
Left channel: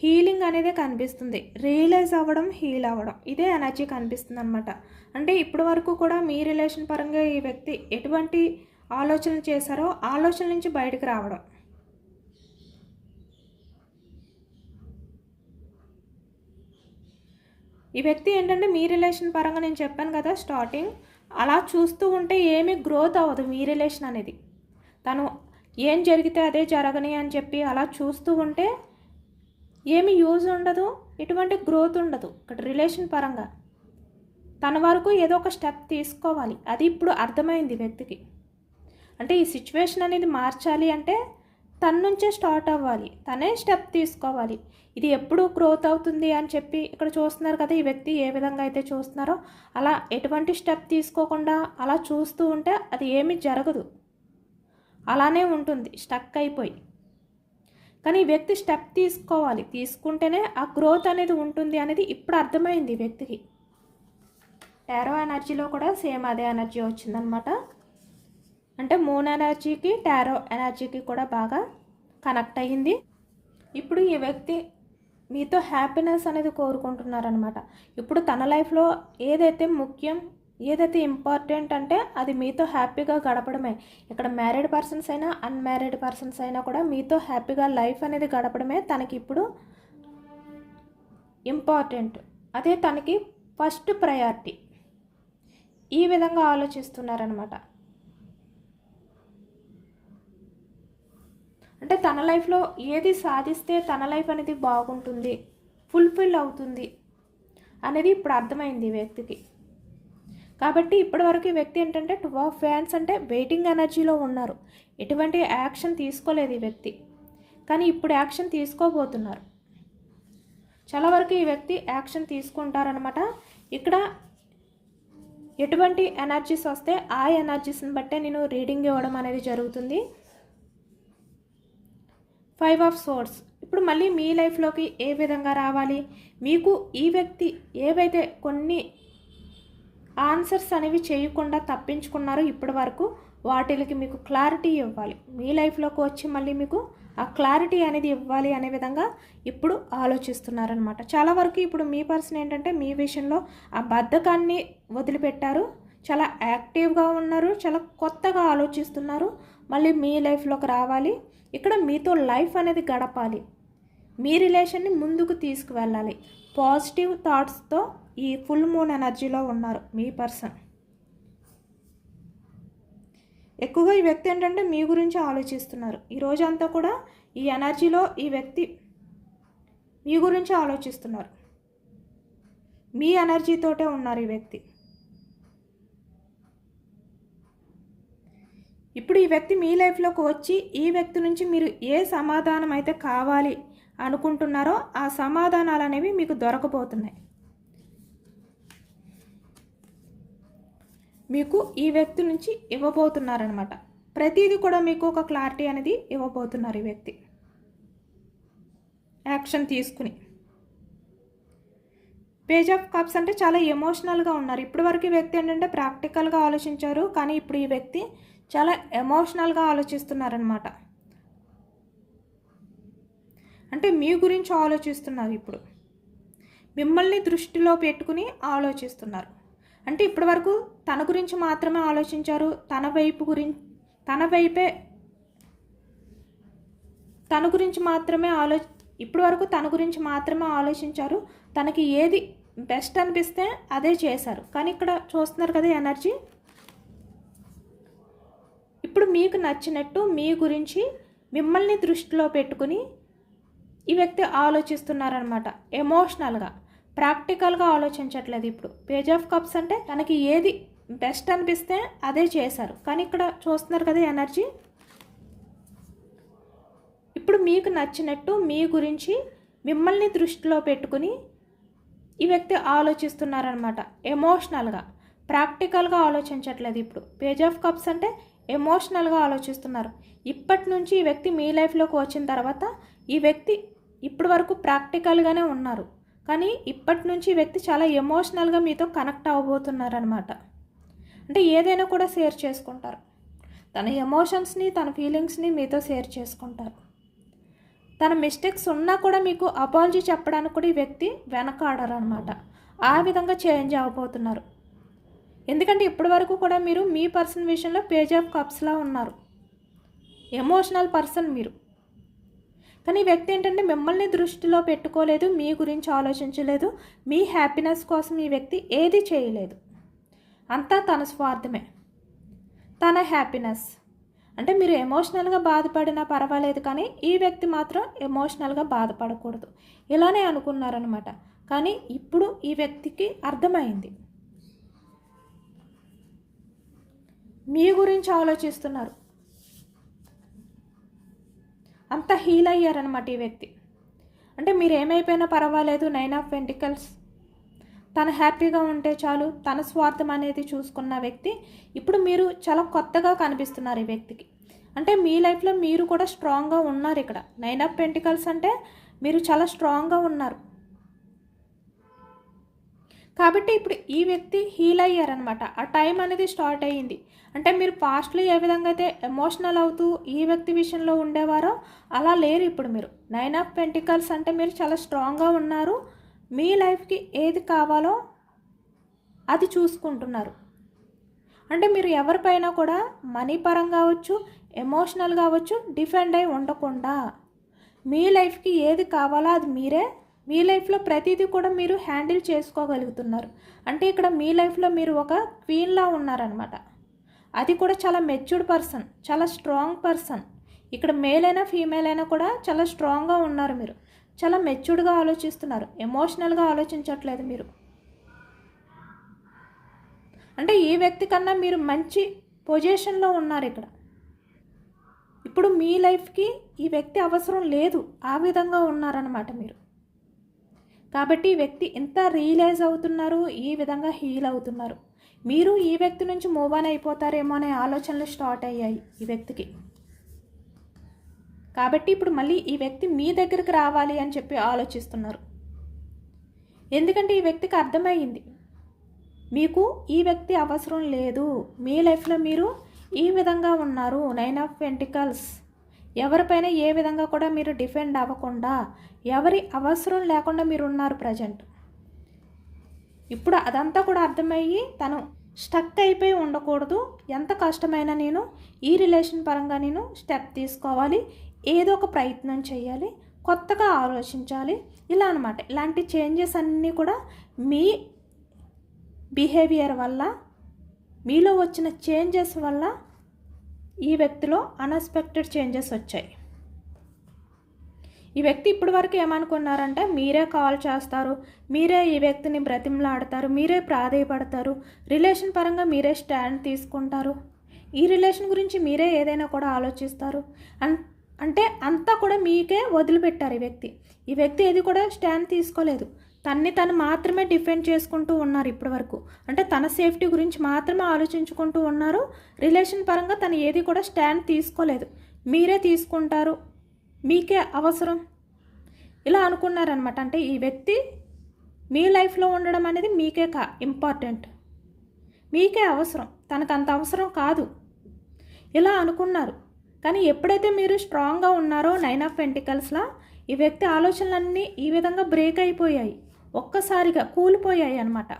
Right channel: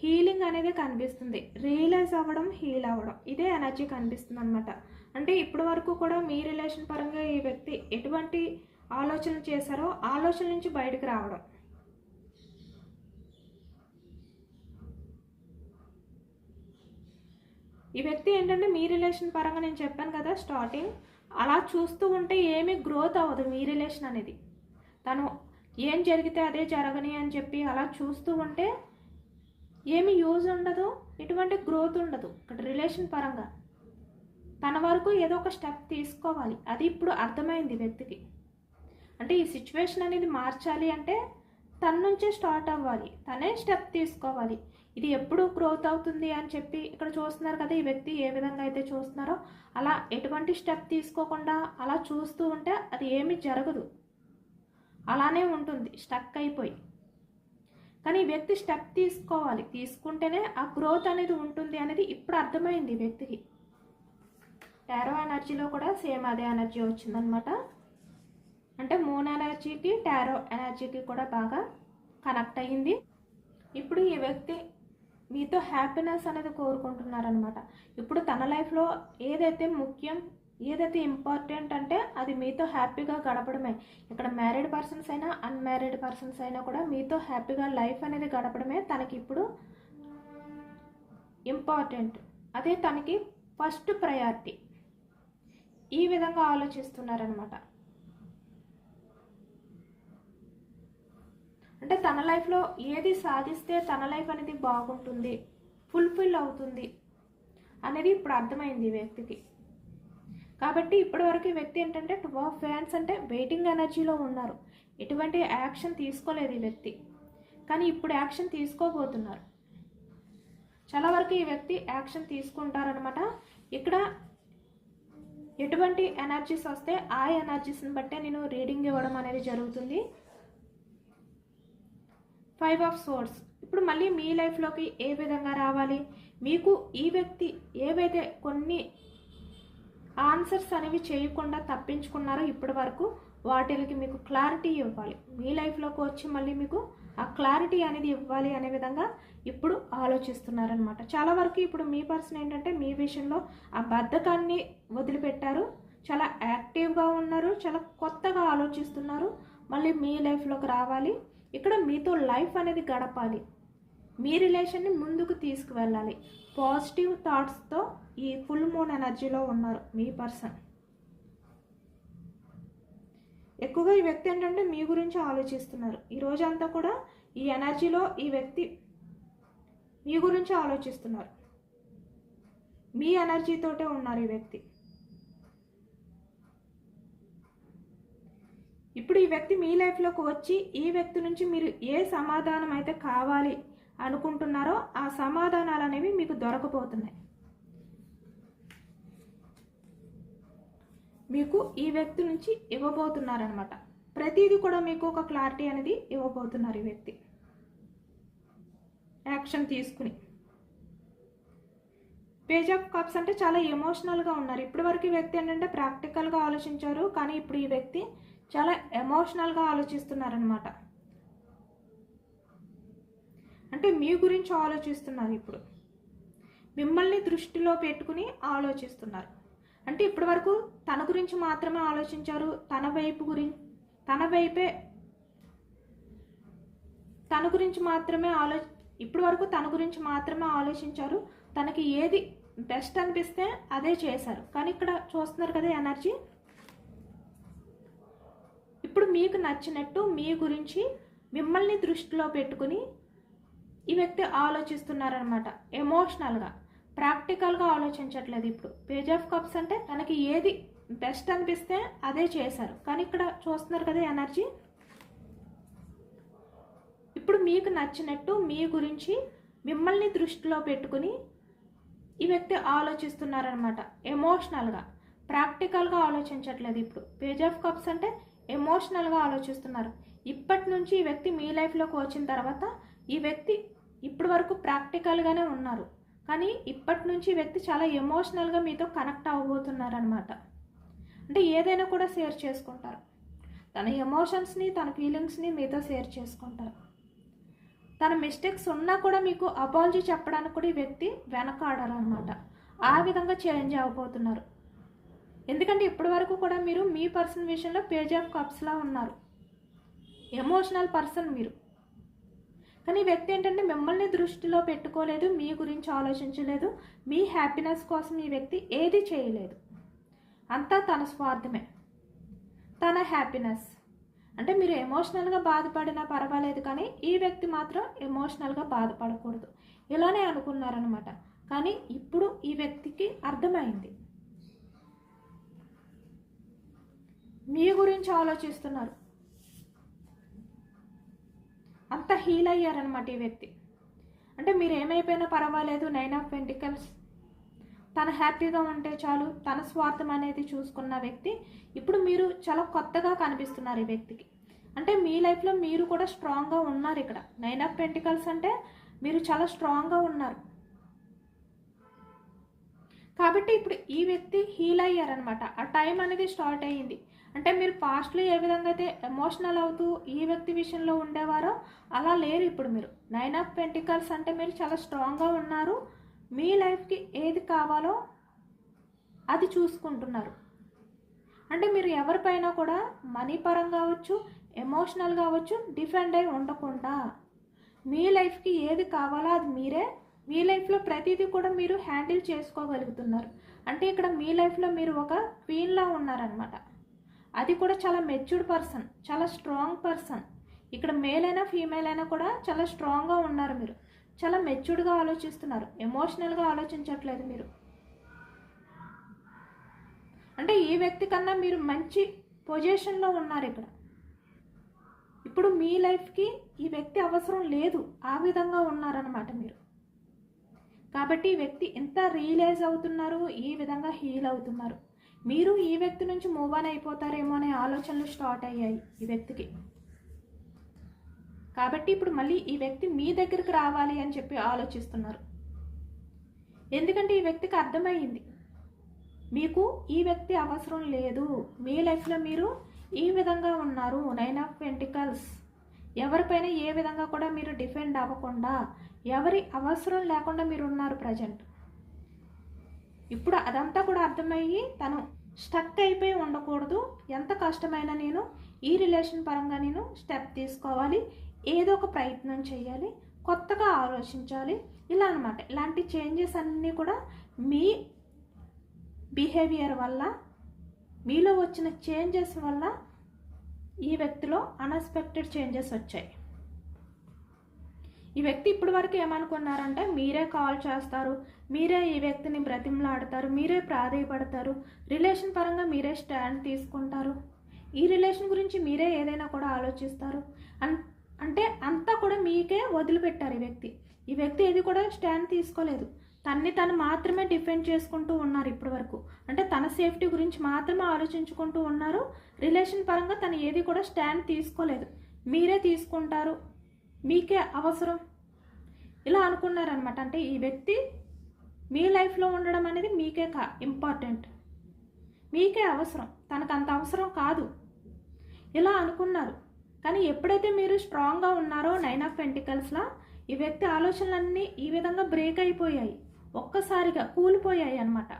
హీలింగ్ అనేది కనిపిస్తుంది. రియలైజ్ అవ్వడం, హీల్ అవ్వడం, ఇదే ఎనర్జీ కనిపిస్తుంది అనమాట. అంటే ఇప్పటి వరకు కూడా మీ రిలేషన్ పరంగా ఈ వ్యక్తి ఎటువంటి ఆలోచనలు చేశారో ఆలోచన నుంచి బయటకు రావడం. ఈ వ్యక్తి ఏంటంటే మీ రిలేషన్ పరంగా నేను చెప్పాను కదా స్టార్టింగ్, అలా చూస్తూ ఉంటే ఏమీ గ్రోత్ అవ్వదు మీ రిలేషన్ అనేది. తను ఏం జరిగితే అదే జరగని అని చెప్పి అలా చూస్తూ ఉంటే ఏమి యూజ్ ఉండదు, ఎటువంటి గ్రోత్ ఉండదు ఇక్కడ రిలేషన్ పరంగా. తన వరకు ఏదో ఒక స్టెప్ తీసుకోవాలి, అది ఇప్పుడు అర్థమైంది వ్యక్తికి. అంటే ఈ సిచ్యువేషన్ అనేది మార్చాలి అంటే తన నుంచే స్టార్ట్ అవ్వాలి, తనే స్టెప్ తీసుకోవాలి. ఇది ఎప్పుడు గ్రోత్ అవుతుంది అని చెప్పి ఇక్కడ చూస్తున్నారు కదా, ఈ వ్యక్తి ఏ విధంగా అయితే చూస్తున్నారో అలా ఎటువంటి స్టెప్ తీసుకోకుండా అలా చూస్తూ ఉంటే అది ఏమీ జరగదు, అలానే ఉంటుంది స్టక్ అయిపోయి. కానీ ఈ వ్యక్తి స్టెప్ తీసుకోవాలి, తీసుకుంటేనే ఆ గ్రోత్ అనేది ఉంటుంది అనేది ఇప్పుడు అర్థమైంది ఈ వ్యక్తికి. టారో ఎనర్జీలో కూడా సేమ్ అదే ఎనర్జీ వచ్చిందనమాట. అంటే మూన్ ఎనర్జీకి టారో ఎనర్జీకి కూడా బాగా కనెక్ట్ అయ్యింది. ఇప్పుడు ఈ వ్యక్తి మీతో హ్యాపీనెస్ అనేది కోరుకుంటున్నారనమాట. ఇప్పుడు తన లైఫ్లో ఏదైతే ముఖ్యం, ఏదైతే ఇంపార్టెంట్ అంటే అది మీతో హ్యాపీగా గడపడమే. ఇక్కడ మ్యారీడ్ పర్సన్స్ అయినా అన్మ్యారీడ్ పర్సన్స్ అయినా కూడా మీతో హ్యాపీగా లైఫ్ అనేది గడపడమే తనకి ఇప్పుడు ఇంపార్టెంట్. అదే తనకి ఫస్ట్ ప్రయారిటీ. ఈ విధంగా ఆలోచిస్తున్నారనమాట. అంటే తన లైఫ్లో ఏది సాధిస్తే తన లైఫ్ అనేది బాగుంటుంది, ఫుల్ఫిల్ అవుతుంది అనేది ఇప్పుడు అర్థమైంది ఈ వ్యక్తికి. కాబట్టి ఇప్పటివరకు ఈ వ్యక్తి ఏంటంటే 2 ఆఫ్ వ్యాండ్స్ అంటే వెయిటింగ్ ఎనర్జీలో ఉన్నారు. ఎటువంటి యాక్షన్ తీసుకోలేదు ఈ వ్యక్తి, కానీ ఇప్పుడు యాక్షన్ తీసుకోబోతున్నారు. చాలా వరకు ఈ వ్యక్తి యాక్షన్ తీసుకుంటారనమాట. ఇక్కడ ఎటువంటి ఎనర్జీస్ వస్తే ఆ ఎనర్జీస్ని బట్టే నేను రీడింగ్ ఇవ్వడం అనేది జరుగుతుంది. 5 ఆఫ్ సోర్డ్స్ ఇప్పుడు మళ్ళీ మీ లైఫ్లోకి ఏ విధంగా రావాలి, మీకు ఈ వ్యక్తి ఏవైతే కొన్ని ఆన్సర్స్ అనేవి చేయకుండా తప్పించుకున్నారో ఇప్పటి వరకు వాటికి మీకు క్లారిటీ ఇవ్వాలి. మీ లైఫ్లోకి వచ్చి మళ్ళీ మీకు ఆ క్లారిటీ అనేది ఇవ్వాలి అనే విధంగా ఇప్పుడు ఆలోచిస్తున్నారనమాట. చాలా వరకు ఇప్పుడు మీ పర్సన్ ఏంటంటే మీ విషయంలో ఆ బద్ధకాన్ని వదిలిపెట్టారు, చాలా యాక్టివ్గా ఉన్నారు, చాలా కొత్తగా ఆలోచిస్తున్నారు. మళ్ళీ మీ లైఫ్లోకి రావాలి, ఇక్కడ మీతో లైఫ్ అనేది గడపాలి, మీ రిలేషన్ని ముందుకు తీసుకువెళ్ళాలి. పాజిటివ్ థాట్స్తో ఈ ఫుల్ మూన్ ఎనర్జీలో ఉన్నారు మీ పర్సన్. ఎక్కువగా ఈ వ్యక్తి ఏంటంటే మీ గురించి ఆలోచిస్తున్నారు. ఈ రోజంతా కూడా ఈ ఎనర్జీలో ఈ వ్యక్తి మీ గురించి ఆలోచిస్తున్నారు, మీ ఎనర్జీతోటే ఉన్నారు ఈ వ్యక్తి. ఇప్పుడు ఈ వ్యక్తి మీ లైఫ్లోకి వచ్చి ఈ వ్యక్తి నుంచి మీరు ఏ సమాధానం అయితే కావాలి అనుకుంటున్నారో ఆ సమాధానాలు అనేవి మీకు దొరకబోతున్నాయి. మీకు ఈ వ్యక్తి నుంచి ఇవ్వబోతున్నారనమాట. ప్రతిదీ కూడా మీకు ఒక క్లారిటీ అనేది ఇవ్వబోతున్నారు ఈ వ్యక్తి యాక్షన్ తీసుకుని. పేజ్ ఆఫ్ కప్స్ అంటే చాలా ఎమోషనల్గా ఉన్నారు. ఇప్పటి వరకు ఈ వ్యక్తి ఏంటంటే ప్రాక్టికల్గా ఆలోచించారు, కానీ ఇప్పుడు ఈ వ్యక్తి చాలా ఎమోషనల్గా ఆలోచిస్తున్నారనమాట. అంటే మీ గురించి ఆలోచిస్తున్నారు, ఇప్పుడు మిమ్మల్ని దృష్టిలో పెట్టుకుని ఆలోచిస్తున్నారు. అంటే ఇప్పటి వరకు తన గురించి మాత్రమే ఆలోచించారు, తన గురించి మాత్రమే ఇప్పటి వరకు తన గురించి మాత్రమే ఆలోచించారు. తనకి ఏది బెస్ట్ అనిపిస్తే అదే చేశారు. కానీ ఇక్కడ చూస్తున్నారు కదా ఎనర్జీ, ఇప్పుడు మీకు నచ్చినట్టు మీ గురించి మిమ్మల్ని దృష్టిలో పెట్టుకుని ఈ వ్యక్తి ఆలోచిస్తున్నారనమాట. ఎమోషనల్గా, ప్రాక్టికల్గా ఆలోచించట్లేదు. ఇప్పుడు పేజ్ ఆఫ్ కప్స్ అంటే తనకి ఏది బెస్ట్ అనిపిస్తే అదే చేశారు. కానీ ఇక్కడ చూస్తున్నారు కదా ఎనర్జీ, ఇప్పుడు మీకు నచ్చినట్టు మీ గురించి మిమ్మల్ని దృష్టిలో పెట్టుకుని ఈ వ్యక్తి ఆలోచిస్తున్నారనమాట. ఎమోషనల్గా, ప్రాక్టికల్గా ఆలోచించట్లేదు. ఇప్పుడు పేజ్ ఆఫ్ కప్స్ అంటే ఎమోషనల్గా ఆలోచిస్తున్నారు. ఇప్పటి నుంచి ఈ వ్యక్తి మీ లైఫ్లోకి వచ్చిన తర్వాత ఈ వ్యక్తి ఇప్పటి వరకు ప్రాక్టికల్గానే ఉన్నారు, కానీ ఇప్పటి నుంచి ఈ వ్యక్తి చాలా ఎమోషనల్గా మీతో కనెక్ట్ అవ్వబోతున్నారనమాట. అంటే ఏదైనా కూడా షేర్ చేసుకుంటారు, తన ఎమోషన్స్ని తన ఫీలింగ్స్ని మీతో షేర్ చేసుకుంటారు. తన మిస్టేక్స్ ఉన్నా కూడా మీకు అపాలజీ చెప్పడానికి కూడా ఈ వ్యక్తి వెనకాడరు అనమాట. ఆ విధంగా చేంజ్ అవ్వబోతున్నారు. ఎందుకంటే ఇప్పటి వరకు కూడా మీరు మీ పర్సన్ విషయంలో పేజ్ ఆఫ్ కప్స్లా ఉన్నారు, ఎమోషనల్ పర్సన్ మీరు. కానీ ఈ వ్యక్తి ఏంటంటే మిమ్మల్ని దృష్టిలో పెట్టుకోలేదు, మీ గురించి ఆలోచించలేదు, మీ హ్యాపీనెస్ కోసం ఈ వ్యక్తి ఏది చేయలేదు. అంతా తన స్వార్థమే, తన హ్యాపీనెస్. అంటే మీరు ఎమోషనల్గా బాధపడినా పర్వాలేదు, కానీ ఈ వ్యక్తి మాత్రం ఎమోషనల్గా బాధపడకూడదు ఇలానే అనుకున్నారనమాట. కానీ ఇప్పుడు ఈ వ్యక్తికి అర్థమైంది, మీ గురించి ఆలోచిస్తున్నారు. అంత హీల్ అయ్యారనమాట ఈ వ్యక్తి. అంటే మీరు ఏమైపోయినా పర్వాలేదు, 9 ఆఫ్ పెంటికల్స్, తను హ్యాపీగా ఉంటే చాలు, తన స్వార్థం అనేది చూసుకున్న వ్యక్తి ఇప్పుడు మీరు చాలా కొత్తగా కనిపిస్తున్నారు ఈ వ్యక్తికి. అంటే మీ లైఫ్లో మీరు కూడా స్ట్రాంగ్గా ఉన్నారు. ఇక్కడ 9 ఆఫ్ పెంటికల్స్ అంటే మీరు చాలా స్ట్రాంగ్గా ఉన్నారు. కాబట్టి ఇప్పుడు ఈ వ్యక్తి హీల్ అయ్యారనమాట. ఆ టైం అనేది స్టార్ట్ అయ్యింది. అంటే మీరు పాస్ట్లో ఏ విధంగా అయితే ఎమోషనల్ అవుతూ ఈ వ్యక్తి విషయంలో ఉండేవారో అలా లేరు ఇప్పుడు మీరు. 9 ఆఫ్ పెంటికల్స్ అంటే మీరు చాలా స్ట్రాంగ్గా ఉన్నారు. మీ లైఫ్కి ఏది కావాలో అది చూసుకుంటున్నారు. అంటే మీరు ఎవరిపైనా కూడా మనీ పరంగా కావచ్చు, ఎమోషనల్ కావచ్చు, డిఫెండ్ అయి ఉండకుండా మీ లైఫ్కి ఏది కావాలో అది మీరే, మీ లైఫ్లో ప్రతిదీ కూడా మీరు హ్యాండిల్ చేసుకోగలుగుతున్నారు. అంటే ఇక్కడ మీ లైఫ్లో మీరు ఒక క్వీన్లా ఉన్నారనమాట. అది కూడా చాలా మెచ్యూర్డ్ పర్సన్, చాలా స్ట్రాంగ్ పర్సన్. ఇక్కడ మేల్ అయినా ఫీమేల్ అయినా కూడా చాలా స్ట్రాంగ్గా ఉన్నారు. మీరు చాలా మెచ్యూర్డ్గా ఆలోచిస్తున్నారు, ఎమోషనల్గా ఆలోచించట్లేదు మీరు. అంటే ఈ వ్యక్తి కన్నా మీరు మంచి పొజిషన్లో ఉన్నారు ఇక్కడ. ఇప్పుడు మీ లైఫ్కి ఈ వ్యక్తి అవసరం లేదు, ఆ విధంగా ఉన్నారనమాట మీరు. కాబట్టి ఈ వ్యక్తి ఎంత రియలైజ్ అవుతున్నారు, ఈ విధంగా హీల్ అవుతున్నారు. మీరు ఈ వ్యక్తి నుంచి మూవ్ ఆన్ అయిపోతారేమో అనే ఆలోచనలు స్టార్ట్ అయ్యాయి ఈ వ్యక్తికి. కాబట్టి ఇప్పుడు మళ్ళీ ఈ వ్యక్తి మీ దగ్గరికి రావాలి అని చెప్పి ఆలోచిస్తున్నారు. ఎందుకంటే ఈ వ్యక్తికి అర్థమయ్యింది మీకు ఈ వ్యక్తి అవసరం లేదు, మీ లైఫ్లో మీరు ఈ విధంగా ఉన్నారు. 9 ఆఫ్ పెంటికల్స్, ఎవరిపైన ఏ విధంగా కూడా మీరు డిఫెండ్ అవ్వకుండా, ఎవరి అవసరం లేకుండా మీరు ఉన్నారు ప్రజెంట్. ఇప్పుడు అదంతా కూడా అర్థమయ్యి తను స్టక్ అయిపోయి ఉండకూడదు, ఎంత కష్టమైనా నేను ఈ రిలేషన్ పరంగా నేను స్టెప్ తీసుకోవాలి, ఏదో ఒక ప్రయత్నం చేయాలి, కొత్తగా ఆలోచించాలి, ఇలా అనమాట. ఇలాంటి చేంజెస్ అన్నీ కూడా మీ బిహేవియర్ వల్ల, మీలో వచ్చిన చేంజెస్ వల్ల ఈ వ్యక్తిలో అన్ఎక్స్పెక్టెడ్ చేంజెస్ వచ్చాయి. ఈ వ్యక్తి ఇప్పటి వరకు ఏమనుకున్నారంటే మీరే కాల్ చేస్తారు, మీరే ఈ వ్యక్తిని బ్రతిమలాడతారు, మీరే ప్రాధేయపడతారు, రిలేషన్ పరంగా మీరే స్టాండ్ తీసుకుంటారు, ఈ రిలేషన్ గురించి మీరే ఏదైనా కూడా ఆలోచిస్తారు. అంటే అంతా కూడా మీకే వదిలిపెట్టారు ఈ వ్యక్తి. ఈ వ్యక్తి ఏది కూడా స్టాండ్ తీసుకోలేదు, తను మాత్రమే డిఫెండ్ చేసుకుంటూ ఉన్నారు ఇప్పటి వరకు. అంటే తన సేఫ్టీ గురించి మాత్రమే ఆలోచించుకుంటూ ఉన్నారు. రిలేషన్ పరంగా తను ఏది కూడా స్టాండ్ తీసుకోలేదు, మీరే తీసుకుంటారు, మీకే అవసరం, ఇలా అనుకున్నారనమాట. అంటే ఈ వ్యక్తి మీ లైఫ్లో ఉండడం అనేది మీకే ఇంపార్టెంట్, మీకే అవసరం, తనకు అంత అవసరం కాదు, ఇలా అనుకున్నారు. కానీ ఎప్పుడైతే మీరు స్ట్రాంగ్గా ఉన్నారో 9 ఆఫ్ పెంటికల్స్లా, ఈ వ్యక్తి ఆలోచనలన్నీ ఈ విధంగా బ్రేక్ అయిపోయాయి, ఒక్కసారిగా కూలిపోయాయి అన్నమాట.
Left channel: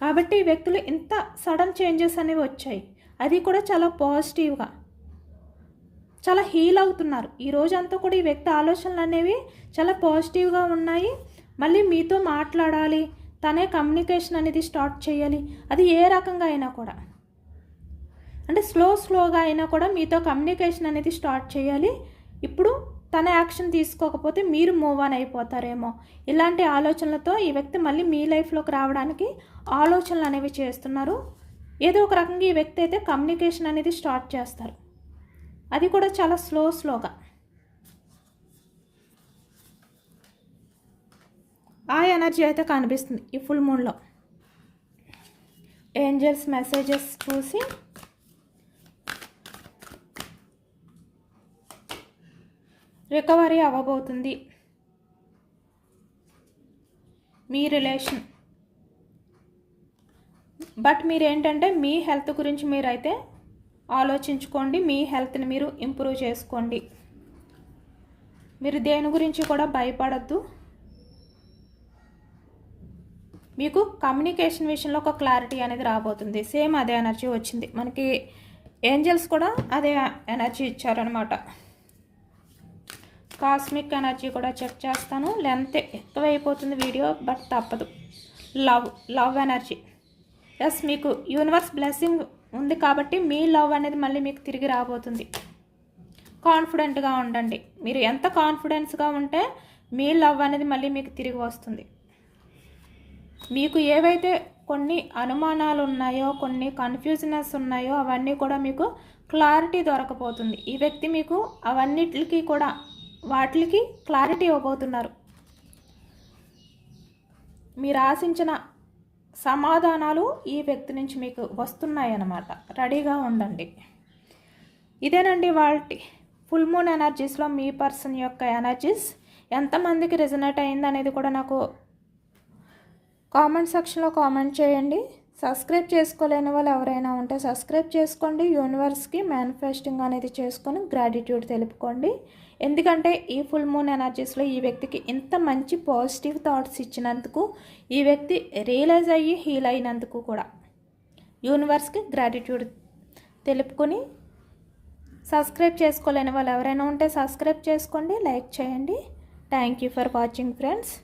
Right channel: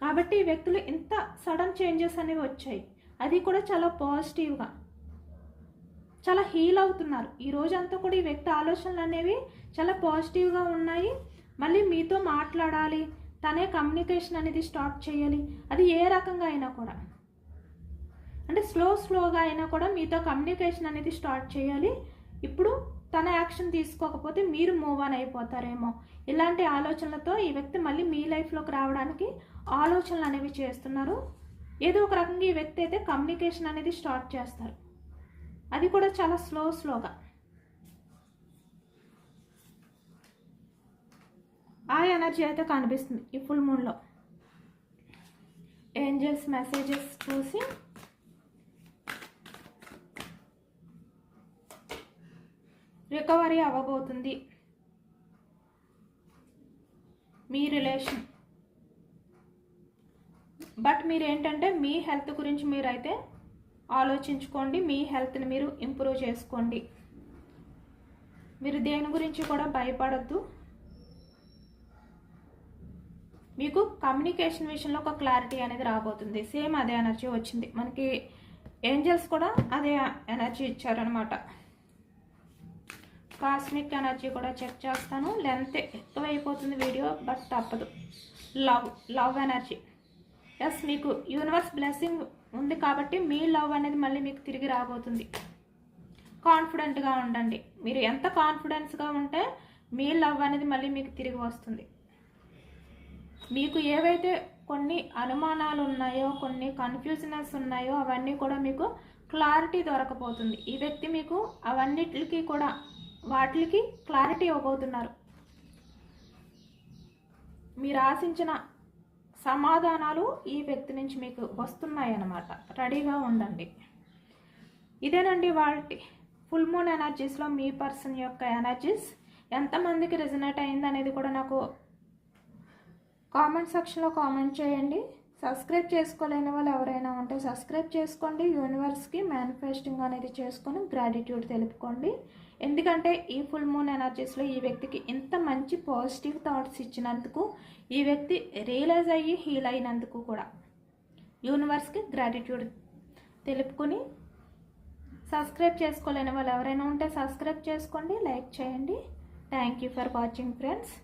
కాబట్టి ఈ వ్యక్తులు ఇంత సడన్ చేంజెస్ అనేవి వచ్చాయి, అది కూడా చాలా పాజిటివ్గా, చాలా హీల్ అవుతున్నారు. ఈ రోజంతా కూడా ఈ వ్యక్తి ఆలోచనలు అనేవి చాలా పాజిటివ్గా ఉన్నాయి. మళ్ళీ మీతో మాట్లాడాలి, తనే కమ్యూనికేషన్ అనేది స్టార్ట్ చేయాలి, అది ఏ రకంగా అయినా కూడా, అంటే స్లోగా అయినా కూడా మీతో కమ్యూనికేషన్ అనేది స్టార్ట్ చేయాలి. ఇప్పుడు తన యాక్షన్ తీసుకోకపోతే మీరు మూవ్ ఆన్ అయిపోతారేమో, ఇలాంటి ఆలోచనలతో ఈ వ్యక్తి మళ్ళీ మీ లైఫ్లోకి రావడానికి ఆలోచనలు అనేవి చేస్తున్నారు. ఏదో ఒక రకంగా ఈ వ్యక్తి అయితే కమ్యూనికేషన్ అనేది స్టార్ట్ చేస్తారు, అది కూడా చాలా స్లోగా. ఆ ఎనర్జీ అయితే కనిపిస్తుంది ఈ ఫుల్ మూన్లో. ఏంజల్స్ మెసేజెస్ చూసి రికవరీ అవ్వబోతుంది మీ రిలేషన్. బట్ మీరేంటంటే మీ హెల్త్ గురించి మీరైతే ఆలోచించుకోండి, మీ హెల్త్ని మీరు ఇంప్రూవ్ చేసుకోండి. మీరు దేని గురించి కూడా భయపడద్దు. మీకు కమ్యూనికేషన్ విషయంలో ఒక క్లారిటీ అనేది రాబోతుంది. సేమ్ అదే ఎనర్జీ వచ్చింది మనకి. ఏంజల్స్ కూడా అదే ఎనర్జీ ఇచ్చారనమాట. కాస్మిక్ ఎనర్జీ కూడా చెక్ చేస్తాను. లెంత్ ఎక్కువైపోతుంది వీడియో, బట్ తప్పదు. Love energy. ఎస్, మీకు యూనివర్స్ బ్లెస్సింగ్ ఉంది కాబట్టి మీ లవ్ అనేది మళ్ళీ మీకు తిరిగి రాబోతుంది. కాన్ఫిడెంట్గా ఉండండి. మీరు ఎంత కాన్ఫిడెన్స్గా ఉంటే మీ లవ్ అనేది మళ్ళీ మీకు తిరిగి వస్తుంది. మీకు ఏవైతే కొన్ని అనుమానాలు ఉన్నాయో, కొన్ని కన్ఫ్యూజనెస్ ఉన్నాయో అవన్నీ కూడా మీకు క్లారిటీ దొరకపోతుంది. ఈ వ్యక్తి మీకు అవన్నిటికి కూడా వాటికి క్లారిటీ ఇవ్వబోతున్నారు. మీరు ఆశించిన సమాధానాలు ఈ వ్యక్తి నుంచి మీకు వస్తున్నాయన్నమాట. రెడీగా ఉండండి. ఇదేనండి వాటి ఫుల్ మూన్ ఎనర్జీస్లో మీ పర్సన్ యొక్క ఎనర్జీస్. ఎంతమందికి రెజొనేట్ అయింది అనేది కూడా నాకు కామెంట్ సెక్షన్లో కామెంట్ చేయండి. సబ్స్క్రైబ్ చేసుకోలేని వాళ్ళు ఎవరైనా ఉంటే సబ్స్క్రైబ్ చేసుకోండి. యూనివర్స్కి మేనిఫెస్టింగ్ అనేది చేసుకొని గ్రాటిట్యూడ్ తెలుపుకోండి. ఎందుకంటే ఈ ఫుల్ మూన్ ఎనర్జీస్లో ఈ వ్యక్తికి ఇంత మంచి పాజిటివ్ థాట్స్ ఇచ్చినందుకు, ఈ వ్యక్తి రియలైజ్ అయ్యి హీల్ అయినందుకు కూడా యూనివర్స్కి గ్రాటిట్యూడ్ తెలుపుకొని, సబ్స్క్రైబ్ చేసుకోలేని వాళ్ళు ఎవరైనా ఉంటే సబ్స్క్రైబ్ చేసుకోండి, లైక్ చేయండి. Thank you for watching friends.